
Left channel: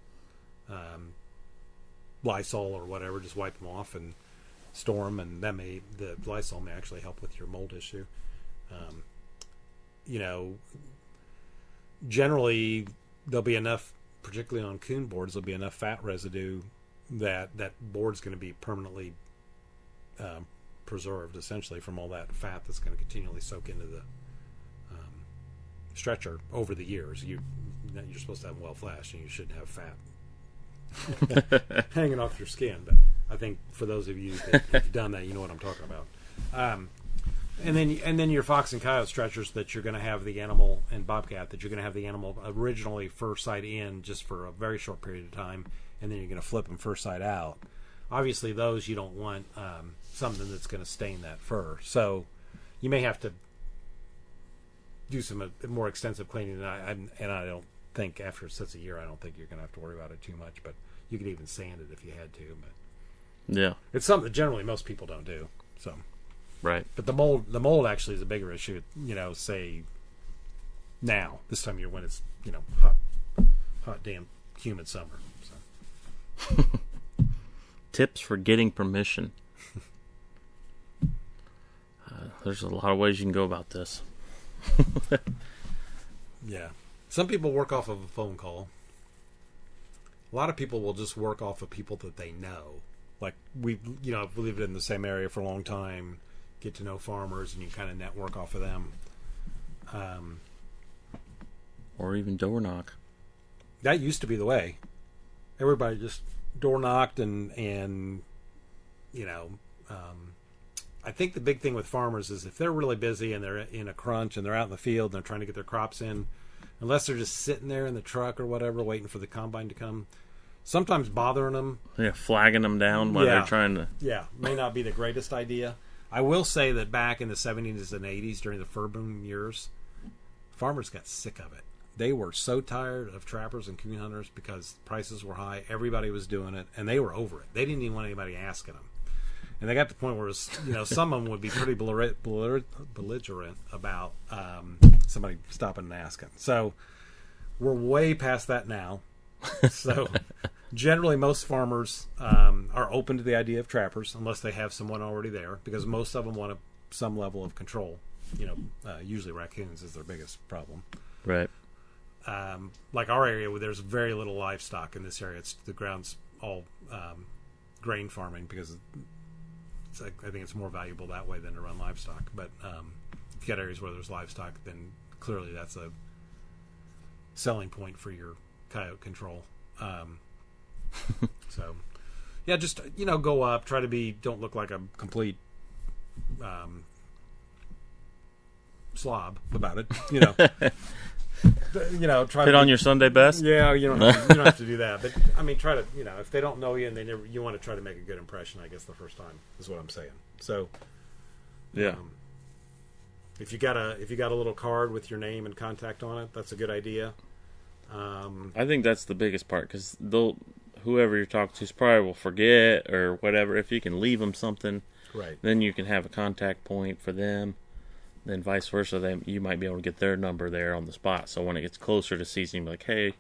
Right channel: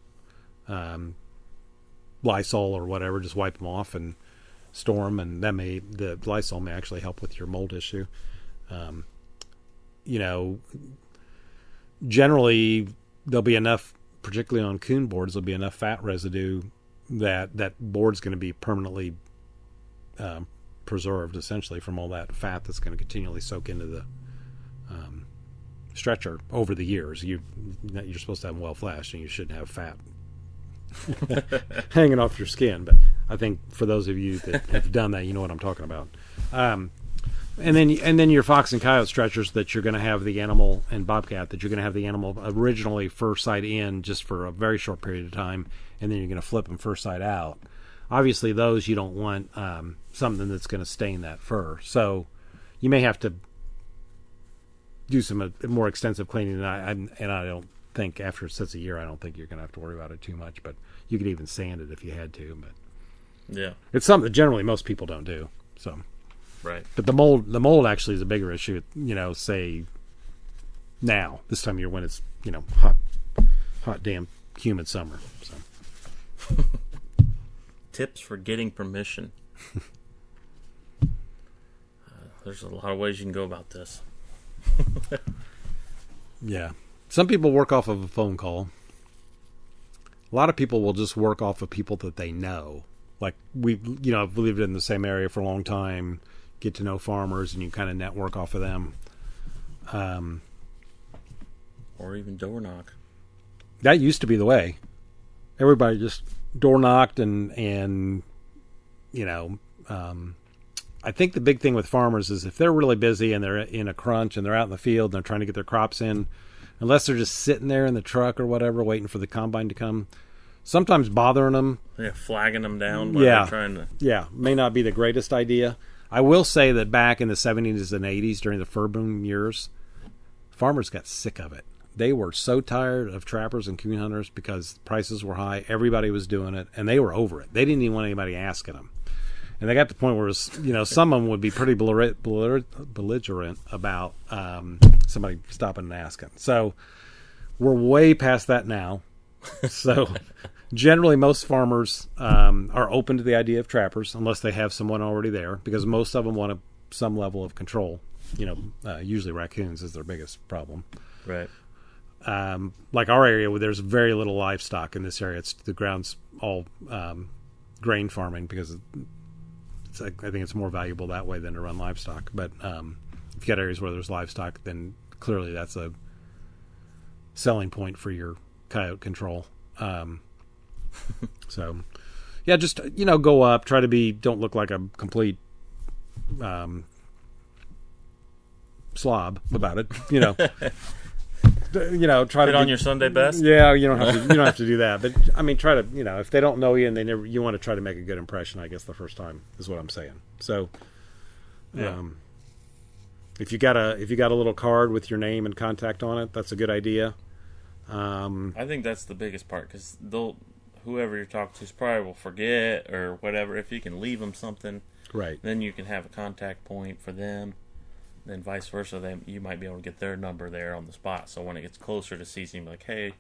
Lysol or whatever, just wipe them off and store them, and the Lysol may actually help with your mold issue. Generally there'll be enough, particularly on coon boards, there'll be enough fat residue that board's going to be permanently preserved, essentially, from all that fat that's going to continually soak into the stretcher over the years. You're supposed to have them well flashed, and you shouldn't have fat hanging off your skin. But I think for those of you that have done that, you know what I'm talking about. And then your fox and coyote stretchers that you're going to have the animal, and bobcat that you're going to have the animal originally fur side in just for a very short period of time, and then you're going to flip them fur side out. Obviously, those you don't want something that's going to stain that fur. So you may have to do some more extensive cleaning. And I don't think after such a year, I don't think you're going to have to worry about it too much. But you could even sand it if you had to. But yeah, it's something that generally most people don't do. So. Right. But the mold actually is a bigger issue, say now, this time of year when it's, hot, damn, humid summer. So. Tips for getting permission. There's a lot of ways you can go about this. Yeah. Some people work off of a phone call. A lot of people will just work off of people that they know. Like I've lived in the same area for a long time. Get to know farmers, and you kind of network off of them. Or even door knock. That used to be the way. Everybody just door knocked, and I think the big thing with farmers is if they're really busy and they're in a crunch and they're out in the field and they're trying to get their crops in, unless they're just sitting there in the truck or whatever waiting for the combine to come, sometimes bothering them. Yeah, flagging them down while they're trying to... Yeah, may not be the greatest idea. I will say that back in the 70s and 80s, during the fur boom years, farmers got sick of it. They were so tired of trappers and coon hunters because prices were high. Everybody was doing it, and they were over it. They didn't even want anybody asking them. And they got to the point where it was, some of them would be pretty belligerent about somebody stopping and asking. So we're way past that now. So generally most farmers are open to the idea of trappers unless they have someone already there, because most of them want some level of control. Usually raccoons is their biggest problem. Right. Like our area, where there's very little livestock in this area. The ground's all grain farming because I think it's more valuable that way than to run livestock. But if you got areas where there's livestock, then clearly that's a selling point for your coyote control. So, yeah, just, go up, don't look like a complete slob about it, try Put to on your Sunday best. Yeah, you don't have to do that. But I mean, try to, if they don't know you and you want to try to make a good impression, I guess the first time is what I'm saying. So, yeah. If you got a little card with your name and contact on it, that's a good idea. I think that's the biggest part, because whoever you're talking to probably will forget or whatever. If you can leave them something, right, then you can have a contact point for them. Then vice versa, you might be able to get their number there on the spot. So when it gets closer to season, you'll be like, hey,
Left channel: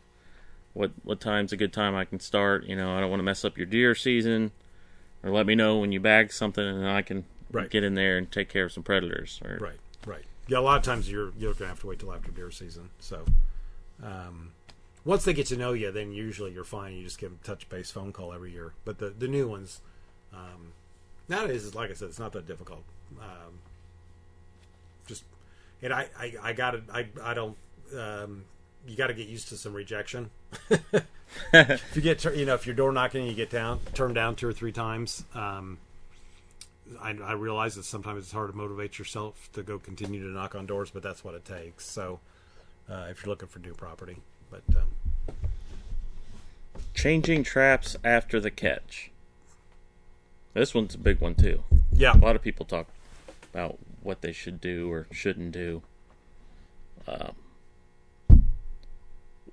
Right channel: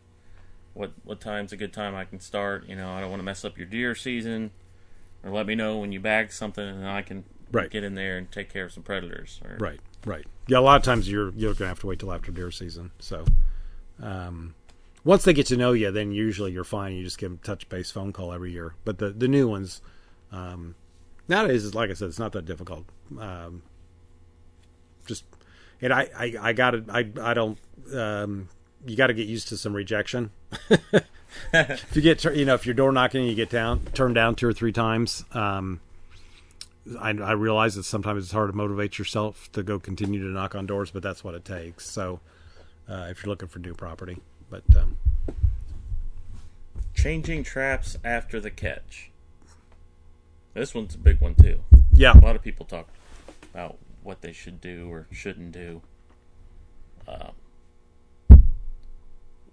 what time's a good time I can start? I don't want to mess up your deer season. Or let me know when you bag something, and I can get in there and take care of some predators. Right. Yeah, a lot of times you're going to have to wait till after deer season. So once they get to know you, then usually you're fine. You just give them a touch-base phone call every year. But the new ones, nowadays, like I said, it's not that difficult. I got it. I don't. You got to get used to some rejection. If you get, if you're door knocking and you get turned down 2 or 3 times, I realize that sometimes it's hard to motivate yourself to go continue to knock on doors, but that's what it takes. So, if you're looking for new property, but changing traps after the catch. This one's a big one too. Yeah, a lot of people talk about what they should do or shouldn't do.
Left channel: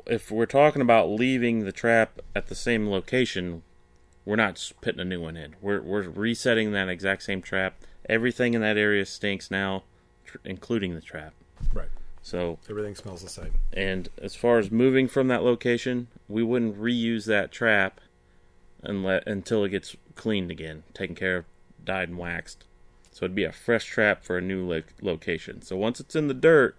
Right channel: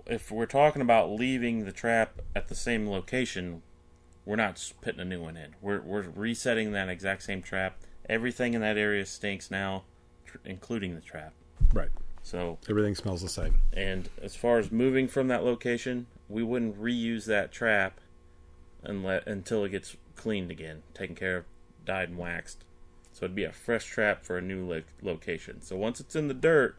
If we're talking about leaving the trap at the same location, we're not putting a new one in. We're resetting that exact same trap. Everything in that area stinks now, including the trap. Right. So everything smells the same. And as far as moving from that location, we wouldn't reuse that trap until it gets cleaned again, taken care of, dyed and waxed. So it'd be a fresh trap for a new location. So once it's in the dirt,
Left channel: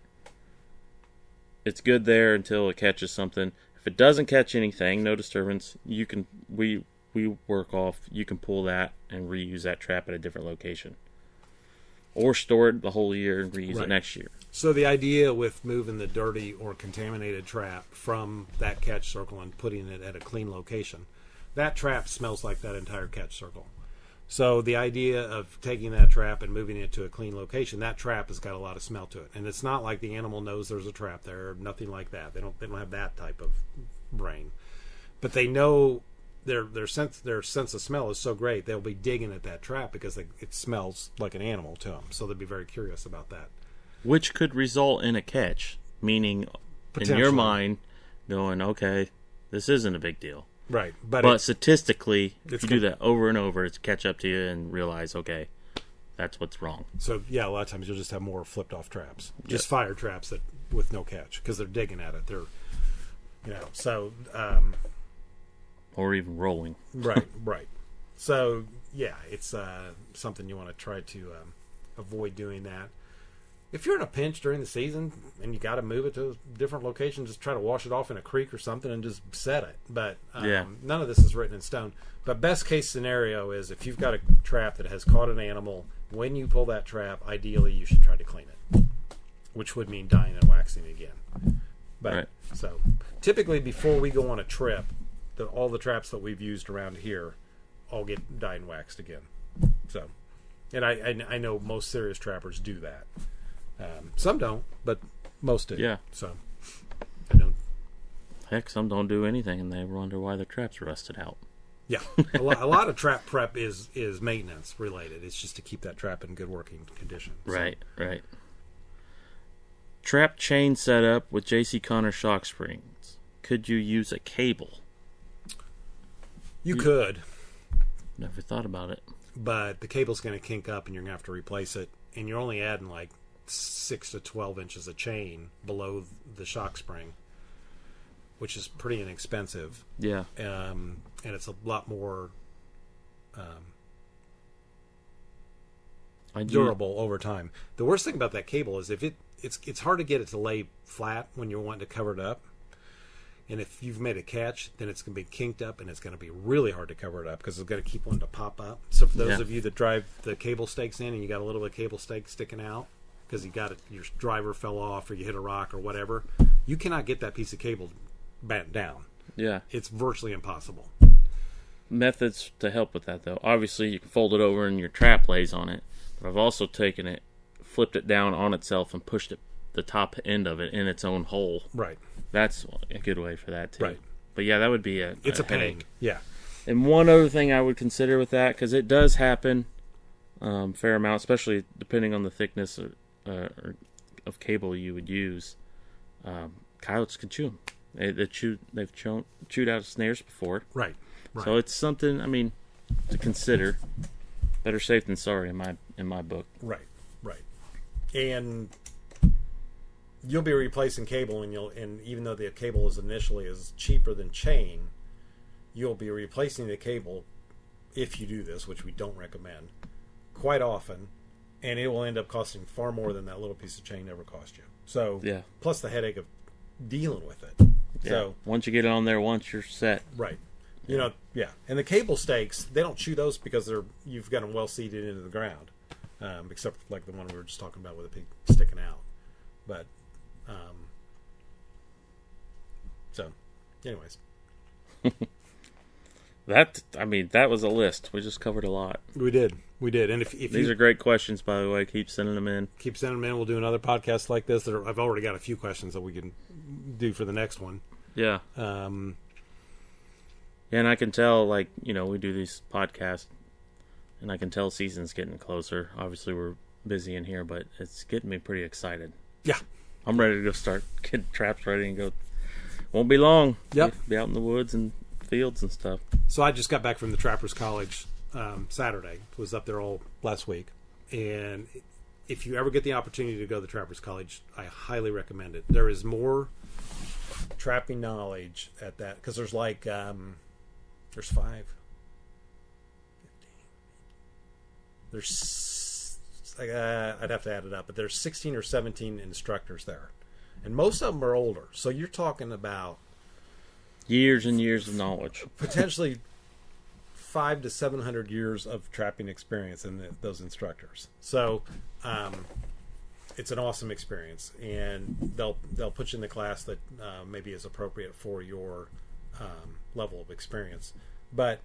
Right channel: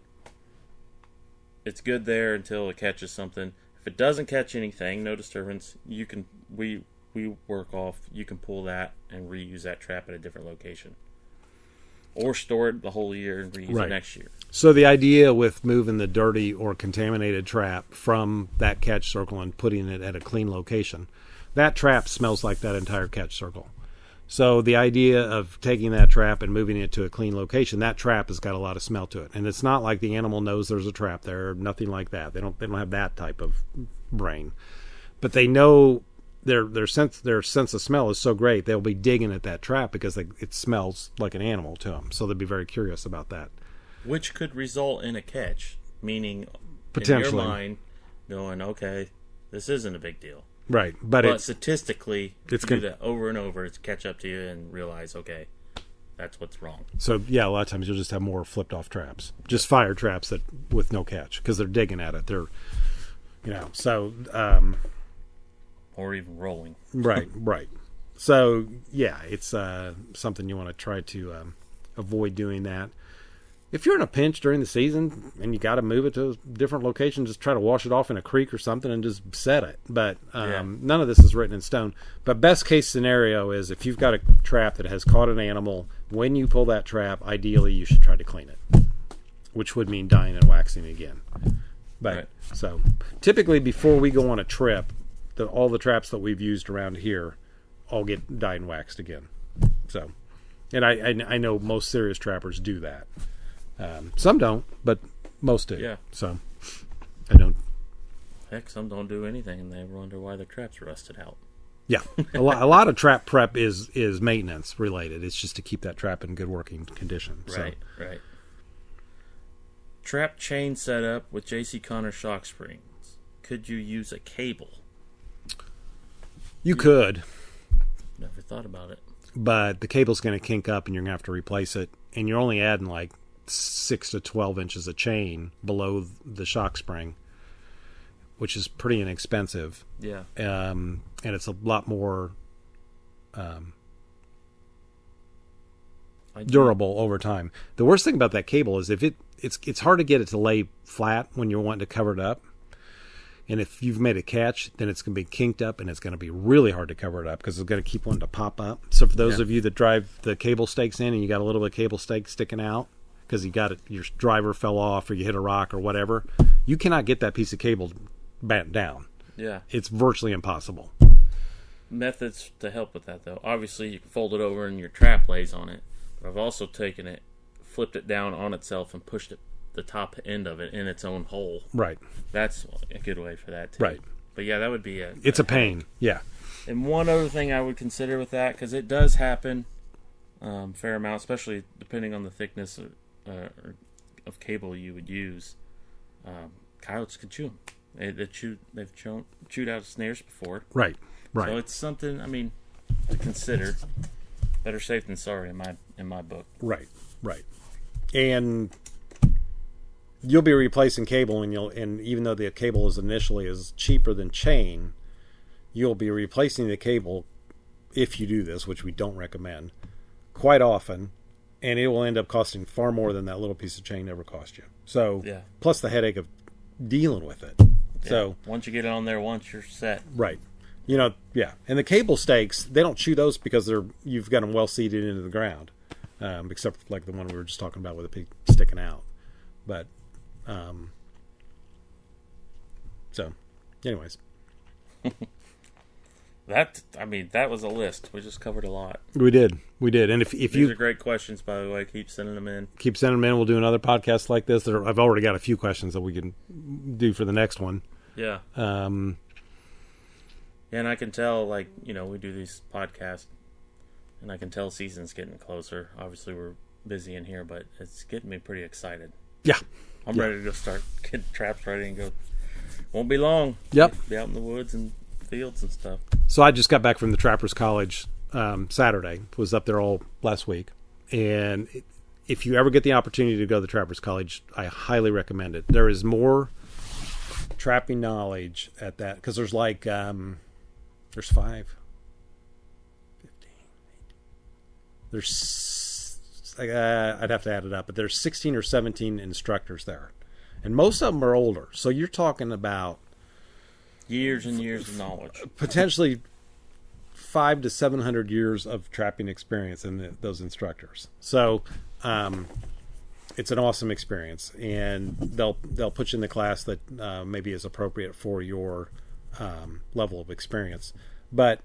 it's good there until it catches something. If it doesn't catch anything, no disturbance, we work off. You can pull that and reuse that trap at a different location, or store it the whole year and reuse it next year. So the idea with moving the dirty or contaminated trap from that catch circle and putting it at a clean location, that trap smells like that entire catch circle. So the idea of taking that trap and moving it to a clean location, that trap has got a lot of smell to it. And it's not like the animal knows there's a trap there, nothing like that. They don't have that type of brain. But they know their sense of smell is so great, they'll be digging at that trap because it smells like an animal to them. So they'll be very curious about that. Which could result in a catch, meaning in your mind going, okay, this isn't a big deal. Right, but statistically, if you do that over and over, it's catch up to you and realize, okay, that's what's wrong. So yeah, a lot of times you'll just have more flipped off traps, just fire traps with no catch because they're digging at it. They're, or even rolling. Right. So yeah, it's something you want to try to avoid doing that. If you're in a pinch during the season and you got to move it to a different location, just try to wash it off in a creek or something and just set it. But none of this is written in stone. But best case scenario is if you've got a trap that has caught an animal, when you pull that trap, ideally you should try to clean it, which would mean dyeing and waxing again. But so typically before we go on a trip, all the traps that we've used around here all get dyed and waxed again. So, and I know most serious trappers do that. Some don't, but most do. Yeah. So I don't. Heck, some don't do anything, and they wonder why their traps rusted out. Yeah, a lot of trap prep is maintenance related. It's just to keep that trap in good working condition. Right. Trap chain setup with J.C. Connor shock springs. Could you use a cable? You could. Never thought about it. But the cable's going to kink up, and you're going to have to replace it, and you're only adding like 6 to 12 inches of chain below the shock spring, which is pretty inexpensive. Yeah. And it's a lot more durable over time. The worst thing about that cable is if it's hard to get it to lay flat when you're wanting to cover it up. And if you've made a catch, then it's going to be kinked up, and it's going to be really hard to cover it up because it's going to keep wanting to pop up. So for those of you that drive the cable stakes in and you got a little bit of cable stake sticking out because you got it, your driver fell off or you hit a rock or whatever, you cannot get that piece of cable bent down. Yeah. It's virtually impossible. Methods to help with that, though. Obviously, you can fold it over and your trap lays on it. But I've also taken it, flipped it down on itself, and pushed it the top end of it in its own hole. Right. That's a good way for that, too. Right. But yeah, that would be it's a pain. Headache. Yeah. And one other thing I would consider with that, because it does happen fair amount, especially depending on the thickness of cable you would use, coyotes can chew them. They've chewed out snares before. Right. Right. So it's something, I mean, to consider. Better safe than sorry in my book. Right. Right. And you'll be replacing cable, and even though the cable is cheaper than chain, you'll be replacing the cable if you do this, which we don't recommend, quite often, and it will end up costing far more than that little piece of chain ever cost you. So, yeah. Plus the headache of dealing with it. Yeah. So once you get it on there, once you're set. Right. Yeah. And the cable stakes, they don't chew those because you've got them well seated into the ground, except like the one we were just talking about with the pig sticking out. But, so, anyways. That was a list. We just covered a lot. We did. And if These are great questions, by the way. Keep sending them in. We'll do another podcast like this. I've already got a few questions that we can do for the next one. Yeah. And I can tell, we do these podcasts, and I can tell season's getting closer. Obviously, we're busy in here, but it's getting me pretty excited. Yeah. I'm ready to go start getting traps ready and go. Won't be long. Yep. Be out in the woods and fields and stuff. So I just got back from the Trappers College Saturday. Was up there all last week. And if you ever get the opportunity to go to the Trappers College, I highly recommend it. There is more trapping knowledge at that, because there's there's 5, 15, there's I'd have to add it up, but there's 16 or 17 instructors there, and most of them are older. So you're talking about years and years of knowledge, potentially 500 to 700 years of trapping experience in those instructors. So it's an awesome experience, and they'll put you in the class that maybe is appropriate for your level of experience. But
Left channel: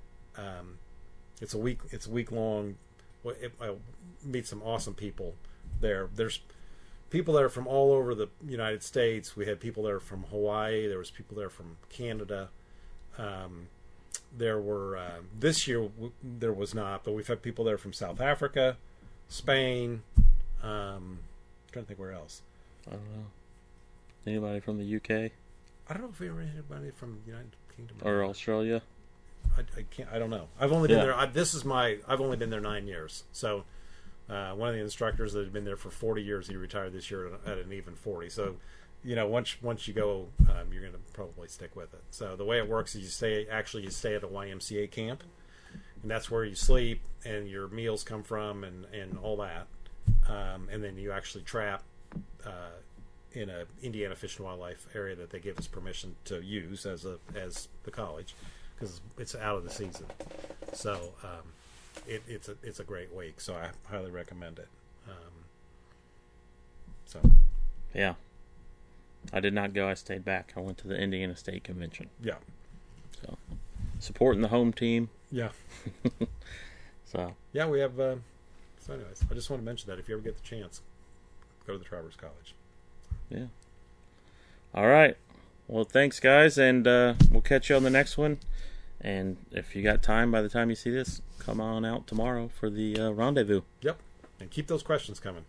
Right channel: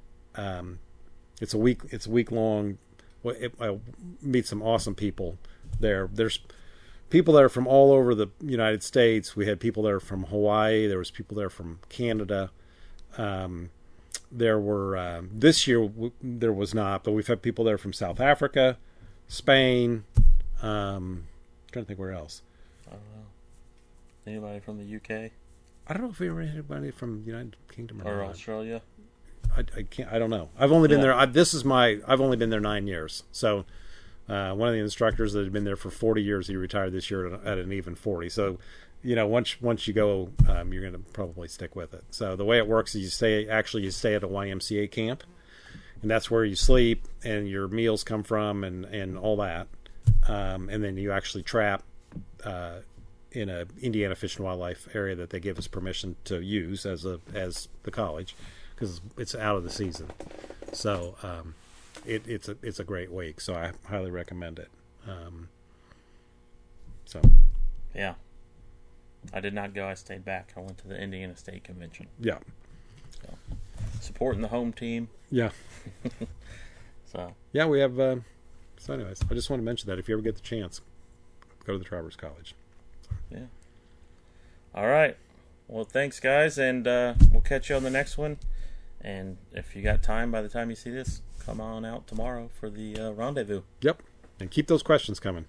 it's a week long. I meet some awesome people there. There's people there from all over the United States. We had people there from Hawaii. There was people there from Canada. There were this year there was not, but we've had people there from South Africa, Spain. Trying to think where else. I don't know. Anybody from the UK? I don't know if we ever had anybody from the United Kingdom or Australia. I can't. I don't know. I've only been there. I've only been there 9 years. So one of the instructors that had been there for 40 years, he retired this year at an even 40. So once you go, you're going to probably stick with it. So the way it works is you stay at a YMCA camp, and that's where you sleep and your meals come from and all that. And then you actually trap in a Indiana Fish and Wildlife area that they give us permission to use as the college, because it's out of the season. So it's a great week. So I highly recommend it. Yeah, I did not go. I stayed back. I went to the Indiana State Convention. Yeah. So supporting the home team. Yeah. So yeah, we have. So anyways, I just want to mention that if you ever get the chance, go to the Trappers College. Yeah. All right. Well, thanks, guys, and we'll catch you on the next one. And if you got time by the time you see this, come on out tomorrow for the rendezvous. Yep. And keep those questions coming.